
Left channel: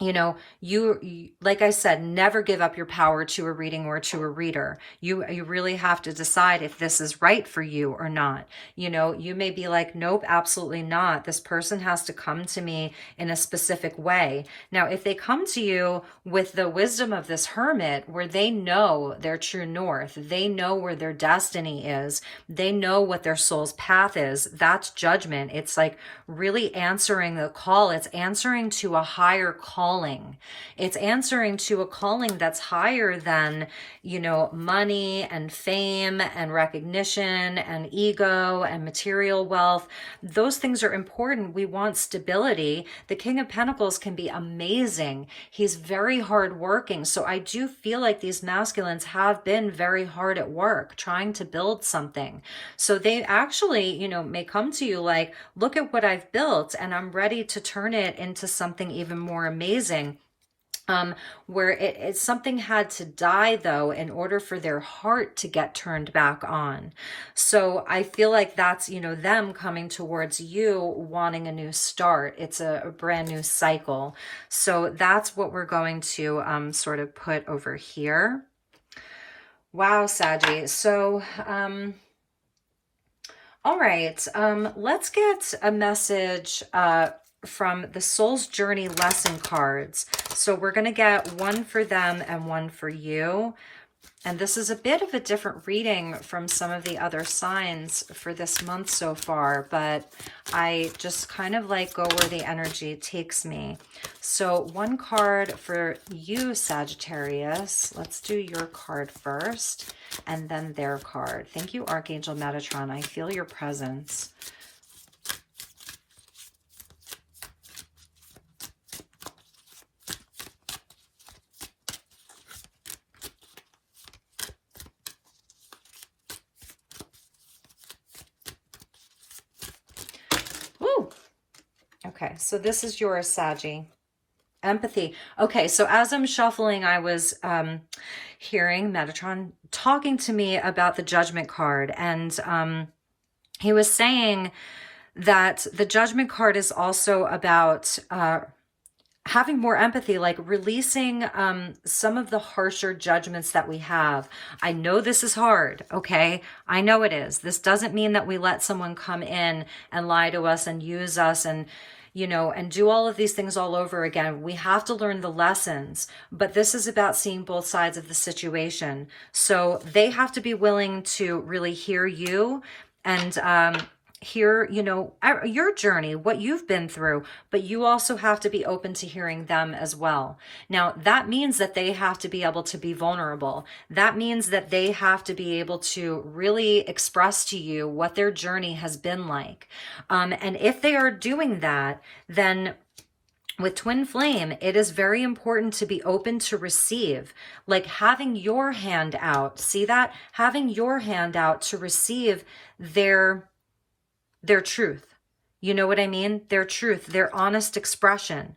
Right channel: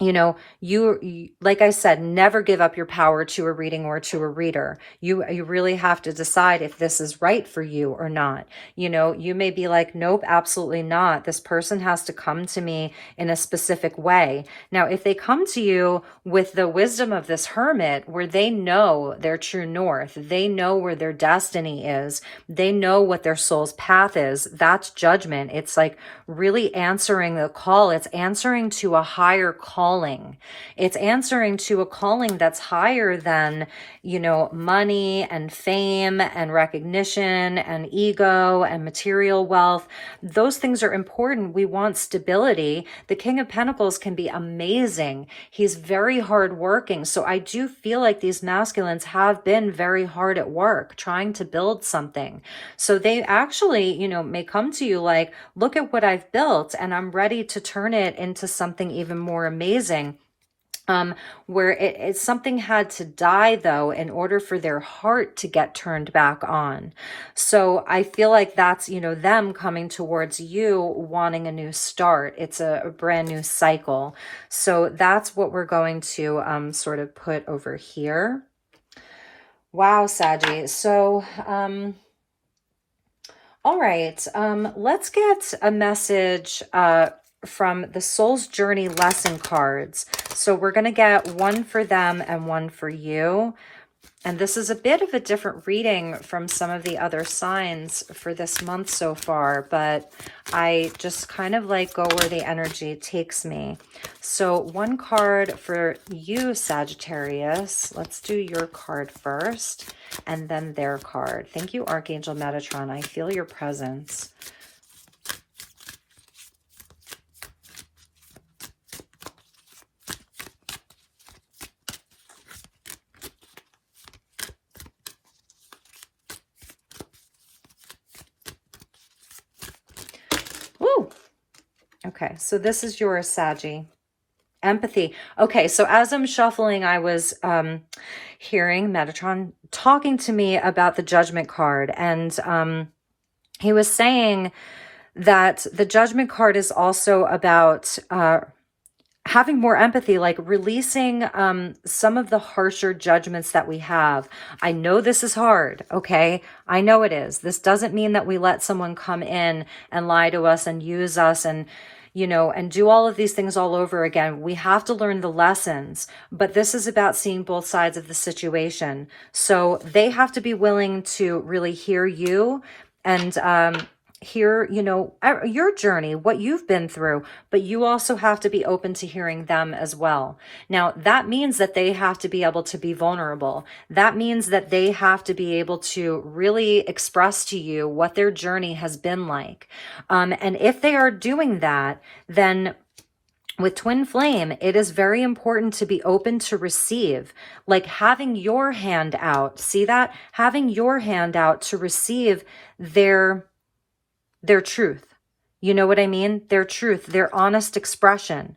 you know, you, like I said, never give up your power to a reading or to a reader. You really have to decide if this is right for you or not. You know, you may be like, nope, absolutely not. This person has to come to me in a specific way. Now, if they come to you with the wisdom of this hermit, where they know their true north, they know where their destiny is, they know what their soul's path is, that's judgment. It's like really answering the call. It's answering to a higher calling. It's answering to a calling that's higher than, you know, money and fame and recognition and ego and material wealth. Those things are important. We want stability. The King of Pentacles can be amazing. He's very hardworking. So I do feel like these masculines have been very hard at work trying to build something. So they actually, you know, may come to you like, look at what I've built and I'm ready to turn it into something even more amazing. Where something had to die though in order for their heart to get turned back on. So I feel like that's, you know, them coming towards you wanting a new start. It's a brand new cycle. So that's what we're going to sort of put over here. Wow, Saggy. So all right, let's get a message from the Soul's Journey lesson cards. So we're going to get one for them and one for you. And this is a bit of a different reading from some of the other signs for this month so far, but I just kind of like go where the energy takes me. So one card for you, Sagittarius. Let's do your card first and then their card. Thank you, Archangel Metatron. I feel your presence. Okay, so this is yours, Saggy. Empathy. Okay, so as I'm shuffling, I was hearing Metatron talking to me about the Judgment card. And he was saying that the Judgment card is also about having more empathy, like releasing some of the harsher judgments that we have. I know this is hard, okay? I know it is. This doesn't mean that we let someone come in and lie to us and use us and, you know, and do all of these things all over again. We have to learn the lessons, but this is about seeing both sides of the situation. So they have to be willing to really hear you and hear, you know, your journey, what you've been through, but you also have to be open to hearing them as well. Now, that means that they have to be able to be vulnerable. That means that they have to be able to really express to you what their journey has been like. And if they are doing that, then with twin flame, it is very important to be open to receive, like having your hand out. See that? Having your hand out to receive their truth. You know what I mean? Their truth, their honest expression.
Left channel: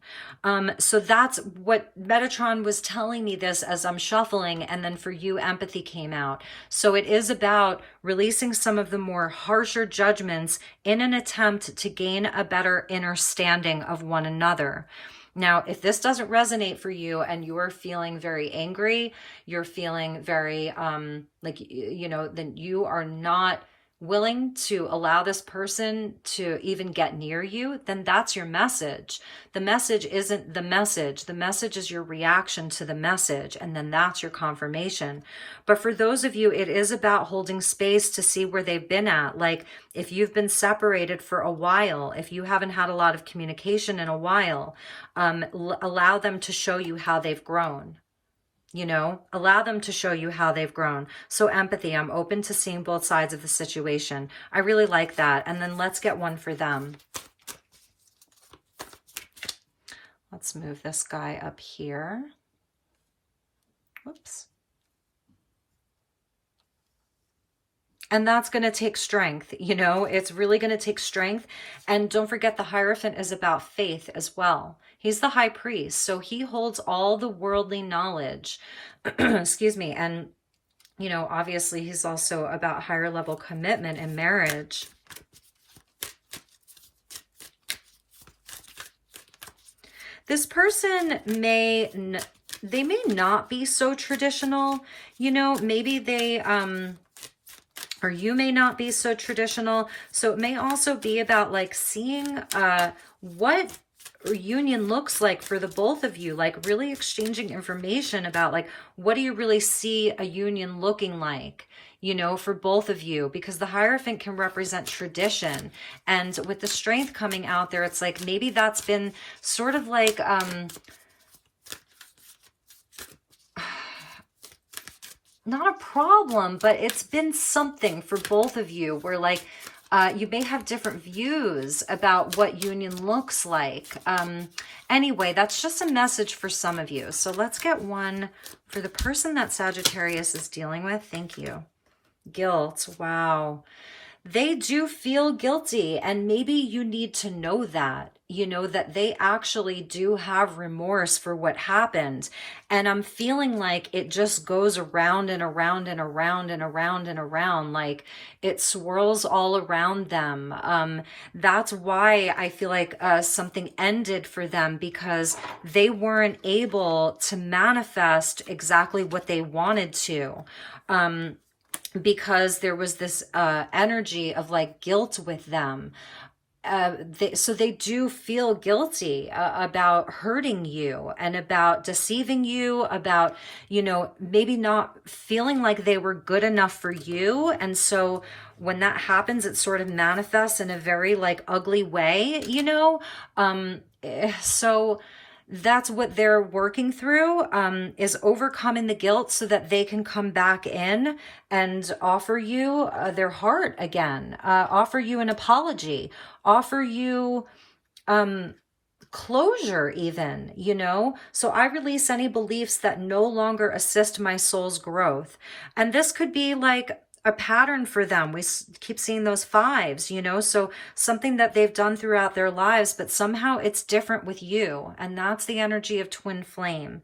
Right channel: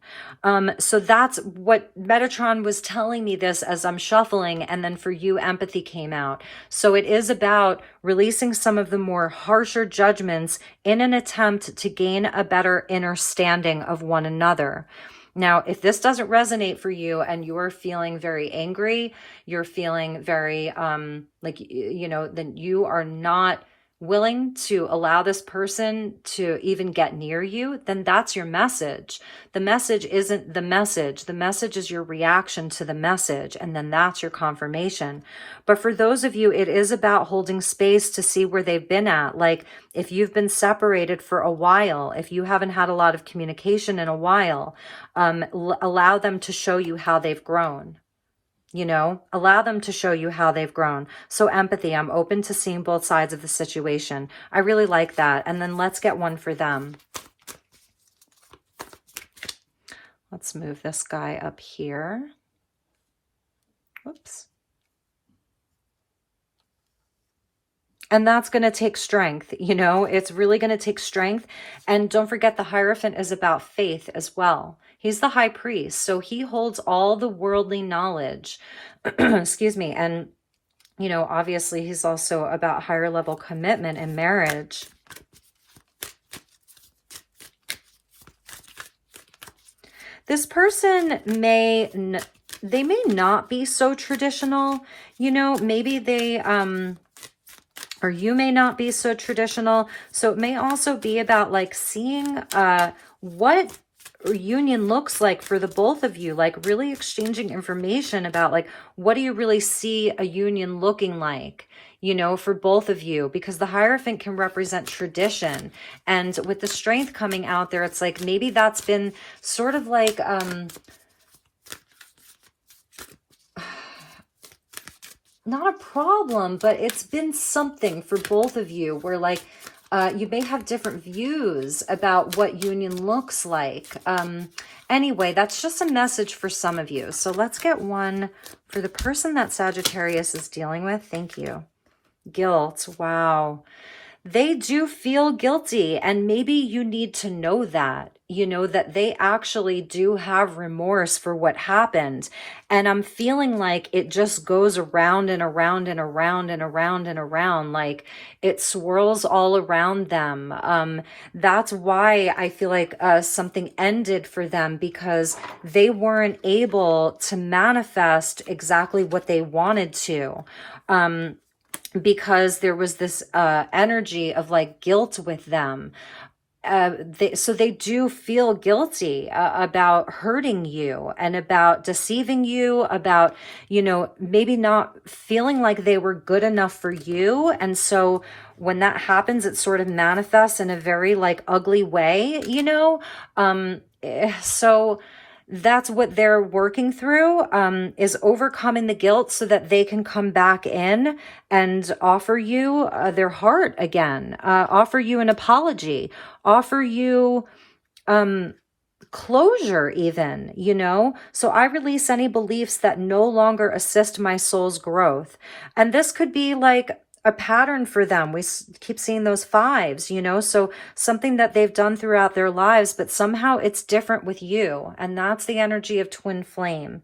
So that's what Metatron was telling me this as I'm shuffling, and then for you, empathy came out. So it is about releasing some of the more harsher judgments in an attempt to gain a better understanding of one another. Now, if this doesn't resonate for you and you're feeling very angry, you're feeling very, like, you know, then you are not willing to allow this person to even get near you, then that's your message. The message isn't the message. The message is your reaction to the message, and then that's your confirmation. But for those of you, it is about holding space to see where they've been at. Like if you've been separated for a while, if you haven't had a lot of communication in a while, allow them to show you how they've grown. You know, allow them to show you how they've grown. So empathy, I'm open to seeing both sides of the situation. I really like that. And then let's get one for them. Let's move this guy up here. Whoops. And that's going to take strength, you know, it's really going to take strength. And don't forget, the Hierophant is about faith as well. He's the high priest, so he holds all the worldly knowledge. Excuse me. And, you know, obviously he's also about higher level commitment and marriage. This person may not be so traditional, you know, maybe they, or you may not be so traditional. So it may also be about like seeing what union looks like for the both of you, like really exchanging information about like, what do you really see a union looking like, you know, for both of you, because the Hierophant can represent tradition. And with the Strength coming out there, it's like, maybe that's been sort of like, not a problem, but it's been something for both of you where like, you may have different views about what union looks like. Anyway, that's just a message for some of you. So let's get one for the person that Sagittarius is dealing with. Thank you. Guilt. Wow. They do feel guilty, and maybe you need to know that, you know, that they actually do have remorse for what happened. And I'm feeling like it just goes around and around and around and around and around, like it swirls all around them. That's why I feel like something ended for them, because they weren't able to manifest exactly what they wanted to. Because there was this energy of like guilt with them. So they do feel guilty about hurting you and about deceiving you, about, you know, maybe not feeling like they were good enough for you. And so when that happens, it sort of manifests in a very like ugly way, you know? So that's what they're working through, is overcoming the guilt so that they can come back in and offer you their heart again, offer you an apology, offer you closure even, you know? So I release any beliefs that no longer assist my soul's growth. And this could be like a pattern for them. We keep seeing those fives, you know, so something that they've done throughout their lives, but somehow it's different with you. And that's the energy of twin flame.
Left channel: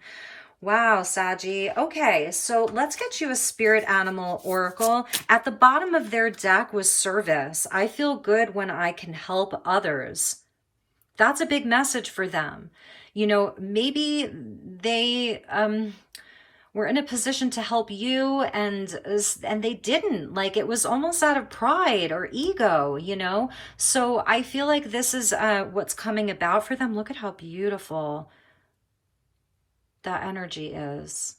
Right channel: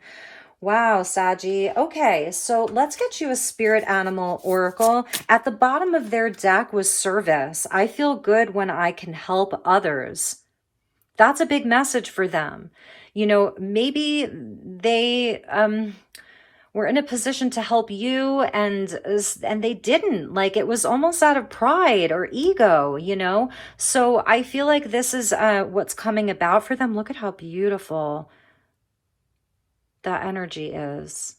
Wow, Saggy. Okay, so let's get you a spirit animal oracle. At the bottom of their deck was service. I feel good when I can help others. That's a big message for them. You know, maybe they were in a position to help you and they didn't. Like, it was almost out of pride or ego, you know? So I feel like this is what's coming about for them. Look at how beautiful that energy is.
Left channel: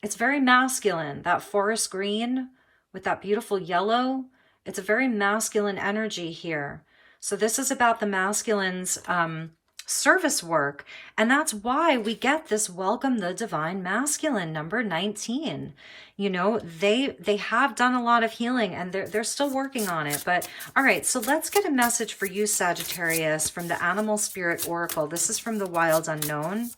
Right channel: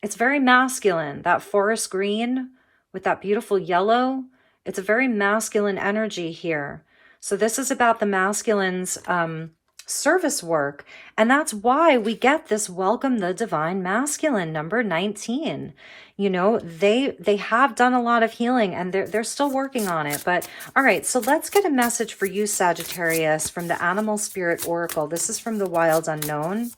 It's very masculine, that forest green with that beautiful yellow. It's a very masculine energy here. So this is about the masculine's service work. And that's why we get this welcome the divine masculine, number 19. You know, they have done a lot of healing and they're still working on it. But all right, so let's get a message for you, Sagittarius, from the Animal Spirit Oracle. This is from the Wild Unknown.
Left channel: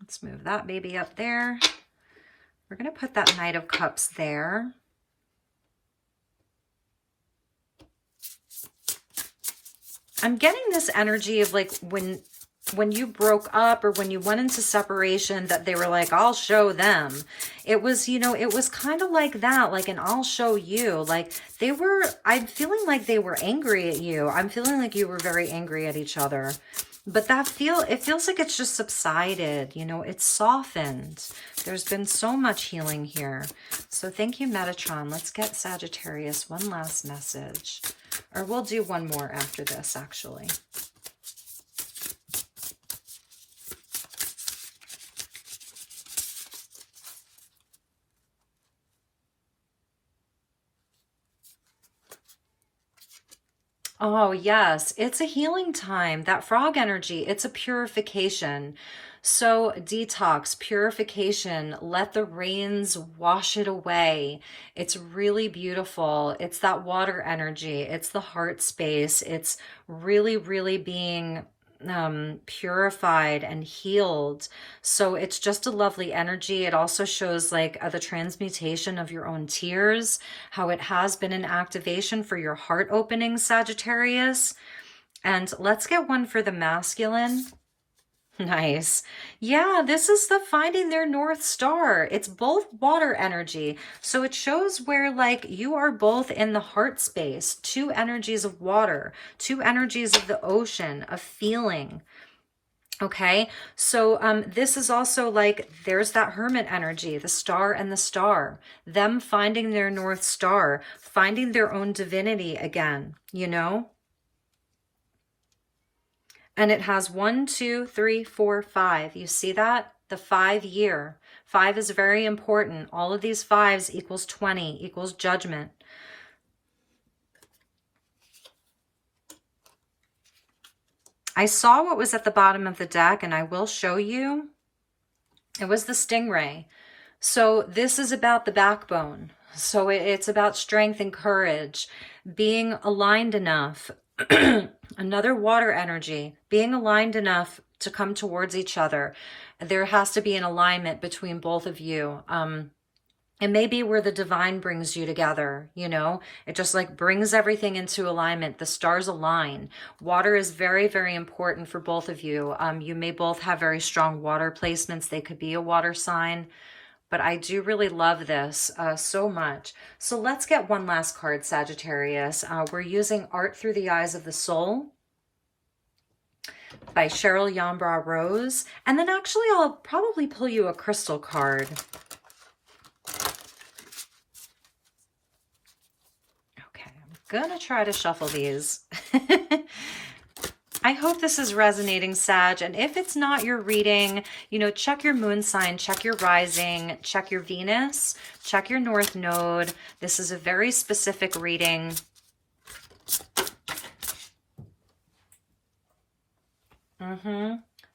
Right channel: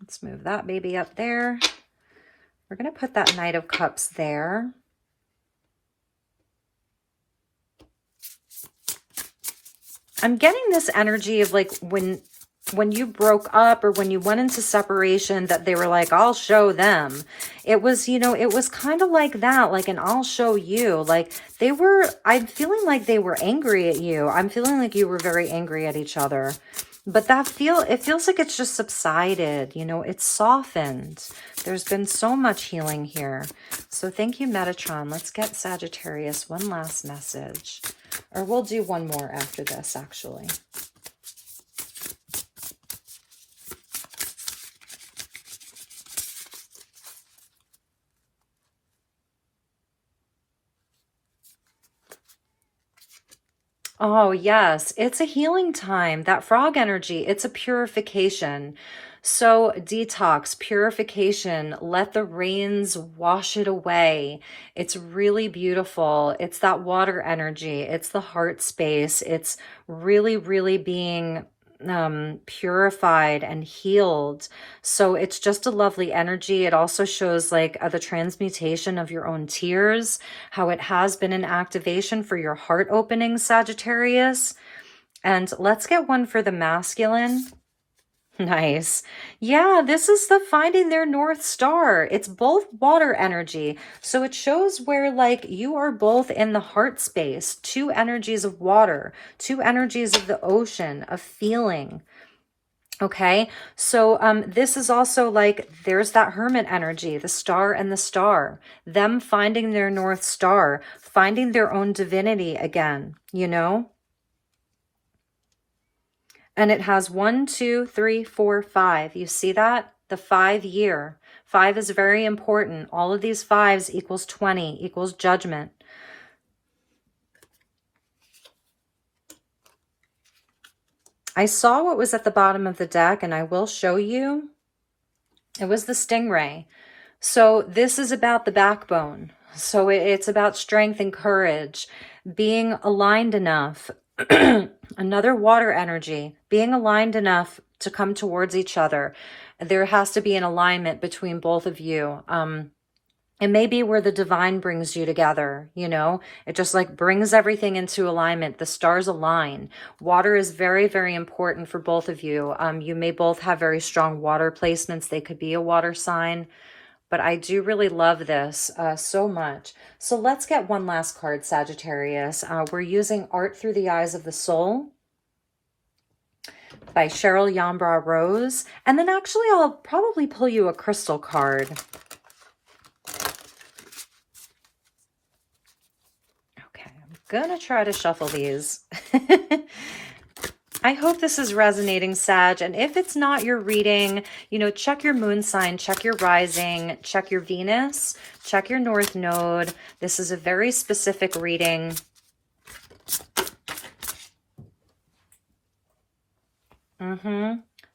Let's move that baby up there. We're going to put that Knight of Cups there. I'm getting this energy of like when you broke up or when you went into separation, that they were like, I'll show them. It was, you know, it was kind of like that, like an I'll show you. Like they were, I'm feeling like they were angry at you. I'm feeling like you were very angry at each other. But it feels like it's just subsided, you know, it's softened. There's been so much healing here. So thank you, Metatron. Let's get Sagittarius one last message. Or we'll do one more after this, actually. Oh, yes. It's a healing time. That frog energy, it's a purification. So detox, purification, let the rains wash it away. It's really beautiful. It's that water energy. It's the heart space. It's really, really being purified and healed. So it's just a lovely energy. It also shows like the transmutation of your own tears, how it has been an activation for your heart opening, Sagittarius. And let's get one for the masculine. Nice. Yeah, this is the finding their North Star. It's both water energy. So it shows where like you are both in the heart space, two energies of water, two energies of the ocean, of feeling. Okay, so this is also like there's that hermit energy, the star and the star, them finding their North Star, finding their own divinity again, you know? And it has 1, 2, 3, 4, 5. You see that? The 5 year. 5 is very important. All of these 5s equals 20, equals judgment. I saw what was at the bottom of the deck, and I will show you. It was the stingray. So this is about the backbone. So it's about strength and courage, being aligned enough. Another water energy, being aligned enough to come towards each other. There has to be an alignment between both of you. It may be where the divine brings you together, you know, it just like brings everything into alignment. The stars align. Water is very, very important for both of you. You may both have very strong water placements. They could be a water sign. But I do really love this so much. So let's get one last card, Sagittarius. We're using Art Through the Eyes of the Soul by Cheryl Yambra Rose. And then actually I'll probably pull you a crystal card. Okay, I'm gonna try to shuffle these. I hope this is resonating, Sag. And if it's not your reading, you know, check your moon sign, check your rising, check your Venus, check your North Node. This is a very specific reading.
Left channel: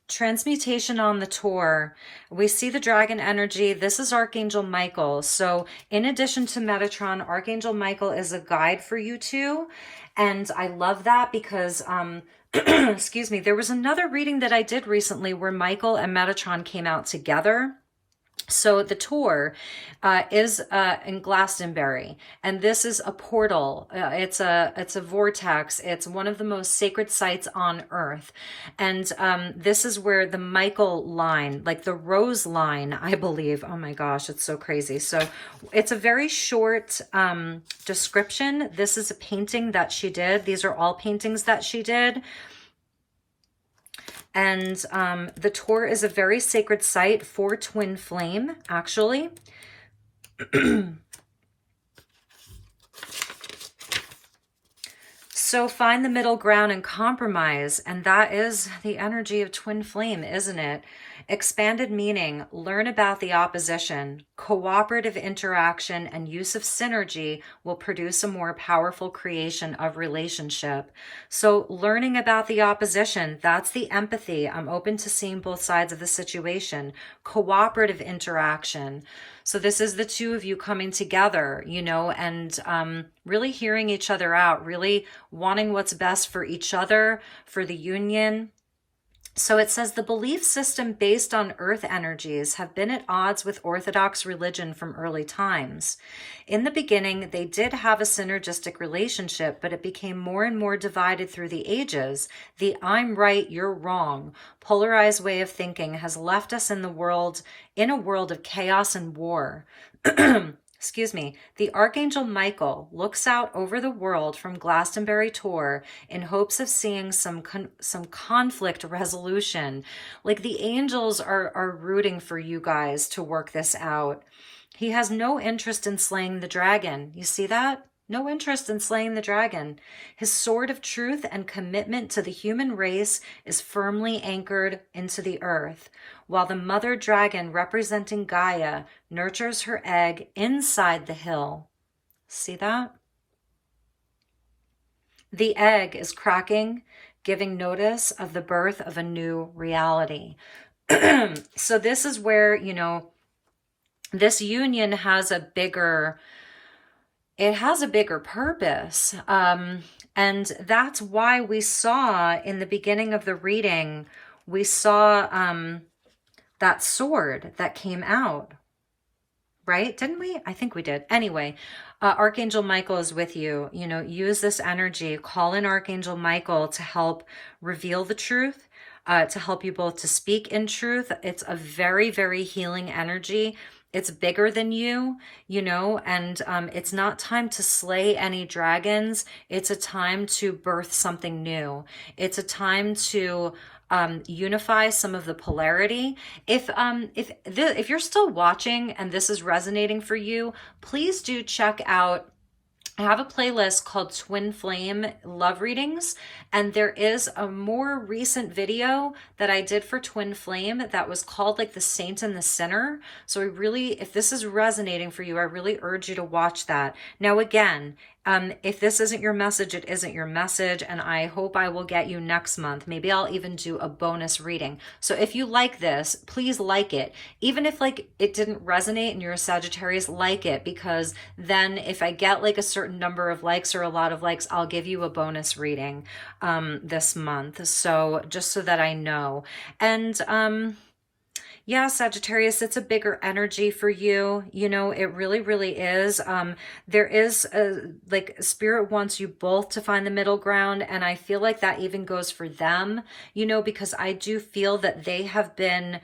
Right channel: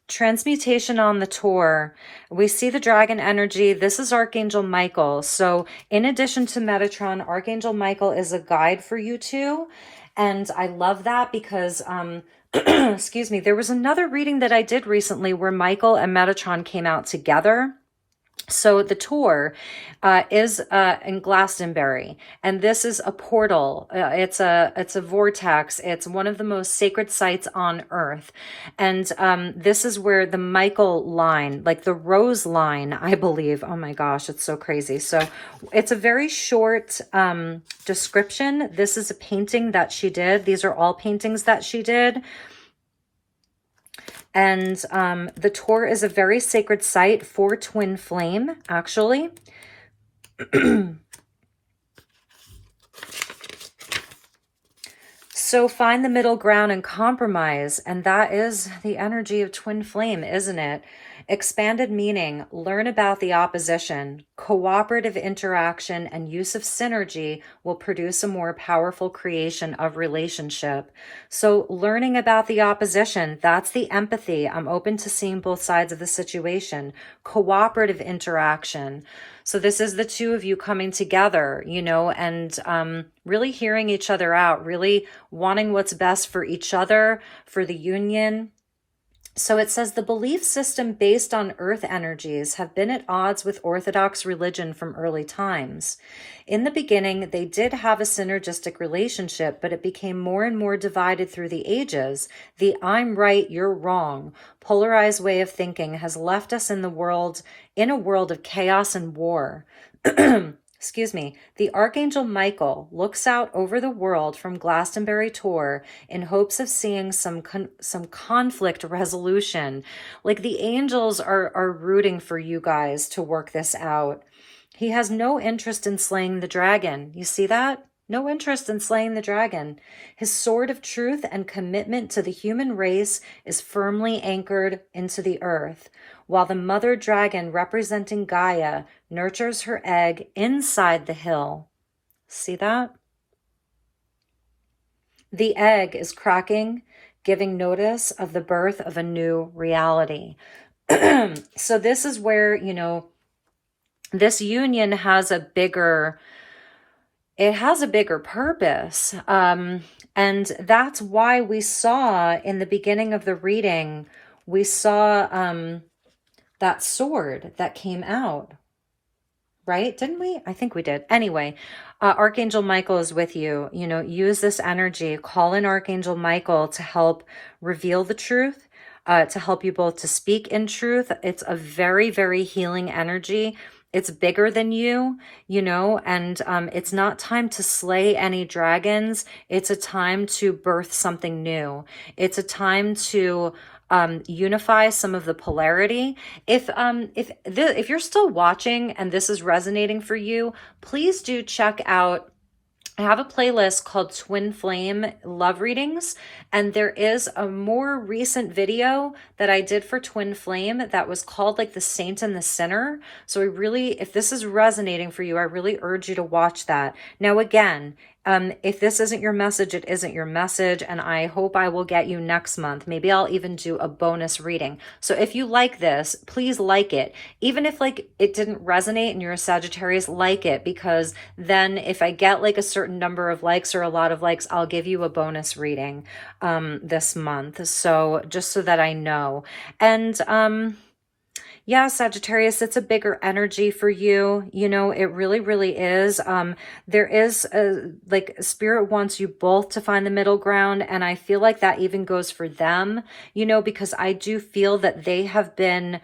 Transmutation on the tour. We see the dragon energy. This is Archangel Michael. So in addition to Metatron, Archangel Michael is a guide for you two. And I love that because, excuse me, there was another reading that I did recently where Michael and Metatron came out together. So the tour is in Glastonbury, and this is a portal. It's a vortex. It's one of the most sacred sites on Earth, and this is where the Michael line, like the Rose line, I believe. Oh my gosh, it's so crazy. So it's a very short description. This is a painting that she did. These are all paintings that she did. And the tour is a very sacred site for twin flame, actually. So find the middle ground and compromise. And that is the energy of twin flame, isn't it? Expanded meaning, learn about the opposition. Cooperative interaction and use of synergy will produce a more powerful creation of relationship. So learning about the opposition, that's the empathy. I'm open to seeing both sides of the situation. Cooperative interaction. So this is the two of you coming together, you know, and really hearing each other out, really wanting what's best for each other, for the union. So it says the belief system based on earth energies have been at odds with Orthodox religion from early times. In the beginning, they did have a synergistic relationship, but it became more and more divided through the ages. The I'm right, you're wrong, polarized way of thinking has left us in a world of chaos and war. Excuse me, the Archangel Michael looks out over the world from Glastonbury tour in hopes of seeing some conflict resolution. Like the angels are rooting for you guys to work this out. He has no interest in slaying the dragon. You see that? No interest in slaying the dragon. His sword of truth and commitment to the human race is firmly anchored into the earth, while the mother dragon representing Gaia nurtures her egg inside the hill. See that? The egg is cracking, giving notice of the birth of a new reality. So this is where, you know, this union has a bigger purpose. And that's why we saw in the beginning of the reading, we saw that sword that came out, right? Didn't we? I think we did. Anyway, Archangel Michael is with you. You know, use this energy. Call in Archangel Michael to help reveal the truth, to help you both to speak in truth. It's a very, very healing energy. It's bigger than you, you know, and it's not time to slay any dragons. It's a time to birth something new. It's a time to unify some of the polarity. If you're still watching and this is resonating for you, please do check out, I have a playlist called Twin Flame Love Readings, and there is a more recent video that I did for Twin Flame that was called like The Saint and the Sinner. So I really, if this is resonating for you, I really urge you to watch that. Now again, if this isn't your message, it isn't your message, and I hope I will get you next month. Maybe I'll even do a bonus reading. So if you like this, please like it. Even if like it didn't resonate and you're a Sagittarius, like it, because then if I get like a certain number of likes or a lot of likes, I'll give you a bonus reading this month. So just so that I know. And yeah, Sagittarius, it's a bigger energy for you. You know, it really, really is. There is like Spirit wants you both to find the middle ground. And I feel like that even goes for them, you know, because I do feel that they have been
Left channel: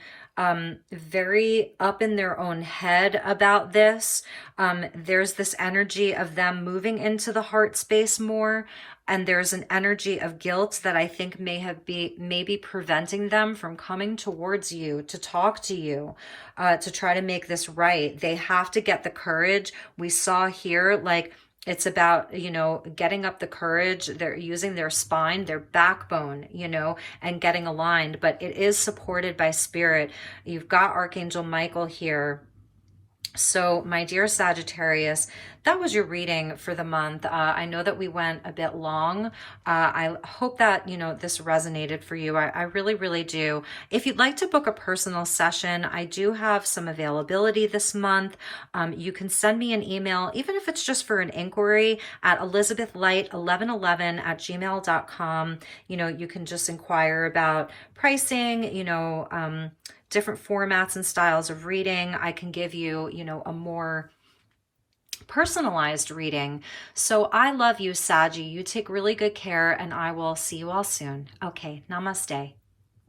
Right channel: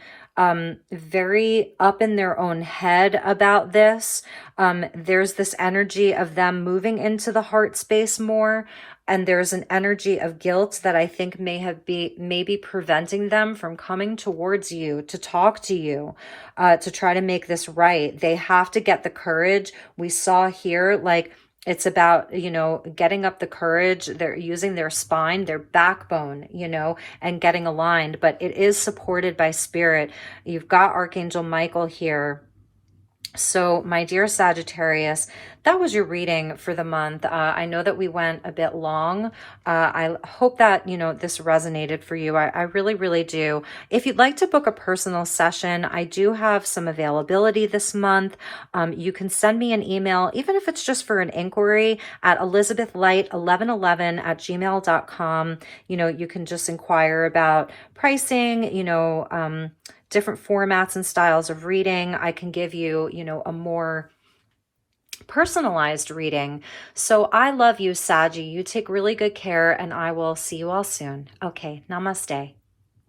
very up in their own head about this. There's this energy of them moving into the heart space more. And there's an energy of guilt that I think maybe preventing them from coming towards you to talk to you, to try to make this right. They have to get the courage. We saw here, like, it's about, you know, getting up the courage. They're using their spine, their backbone, you know, and getting aligned. But it is supported by Spirit. You've got Archangel Michael here. So my dear Sagittarius, that was your reading for the month. I know that we went a bit long. I hope that, you know, this resonated for you. I really, really do. If you'd like to book a personal session, I do have some availability this month. You can send me an email, even if it's just for an inquiry, at elizabethlight1111@gmail.com. You know, you can just inquire about pricing, you know, different formats and styles of reading. I can give you, you know, a more personalized reading. So I love you, Saggy. You take really good care, and I will see you all soon. Okay, namaste.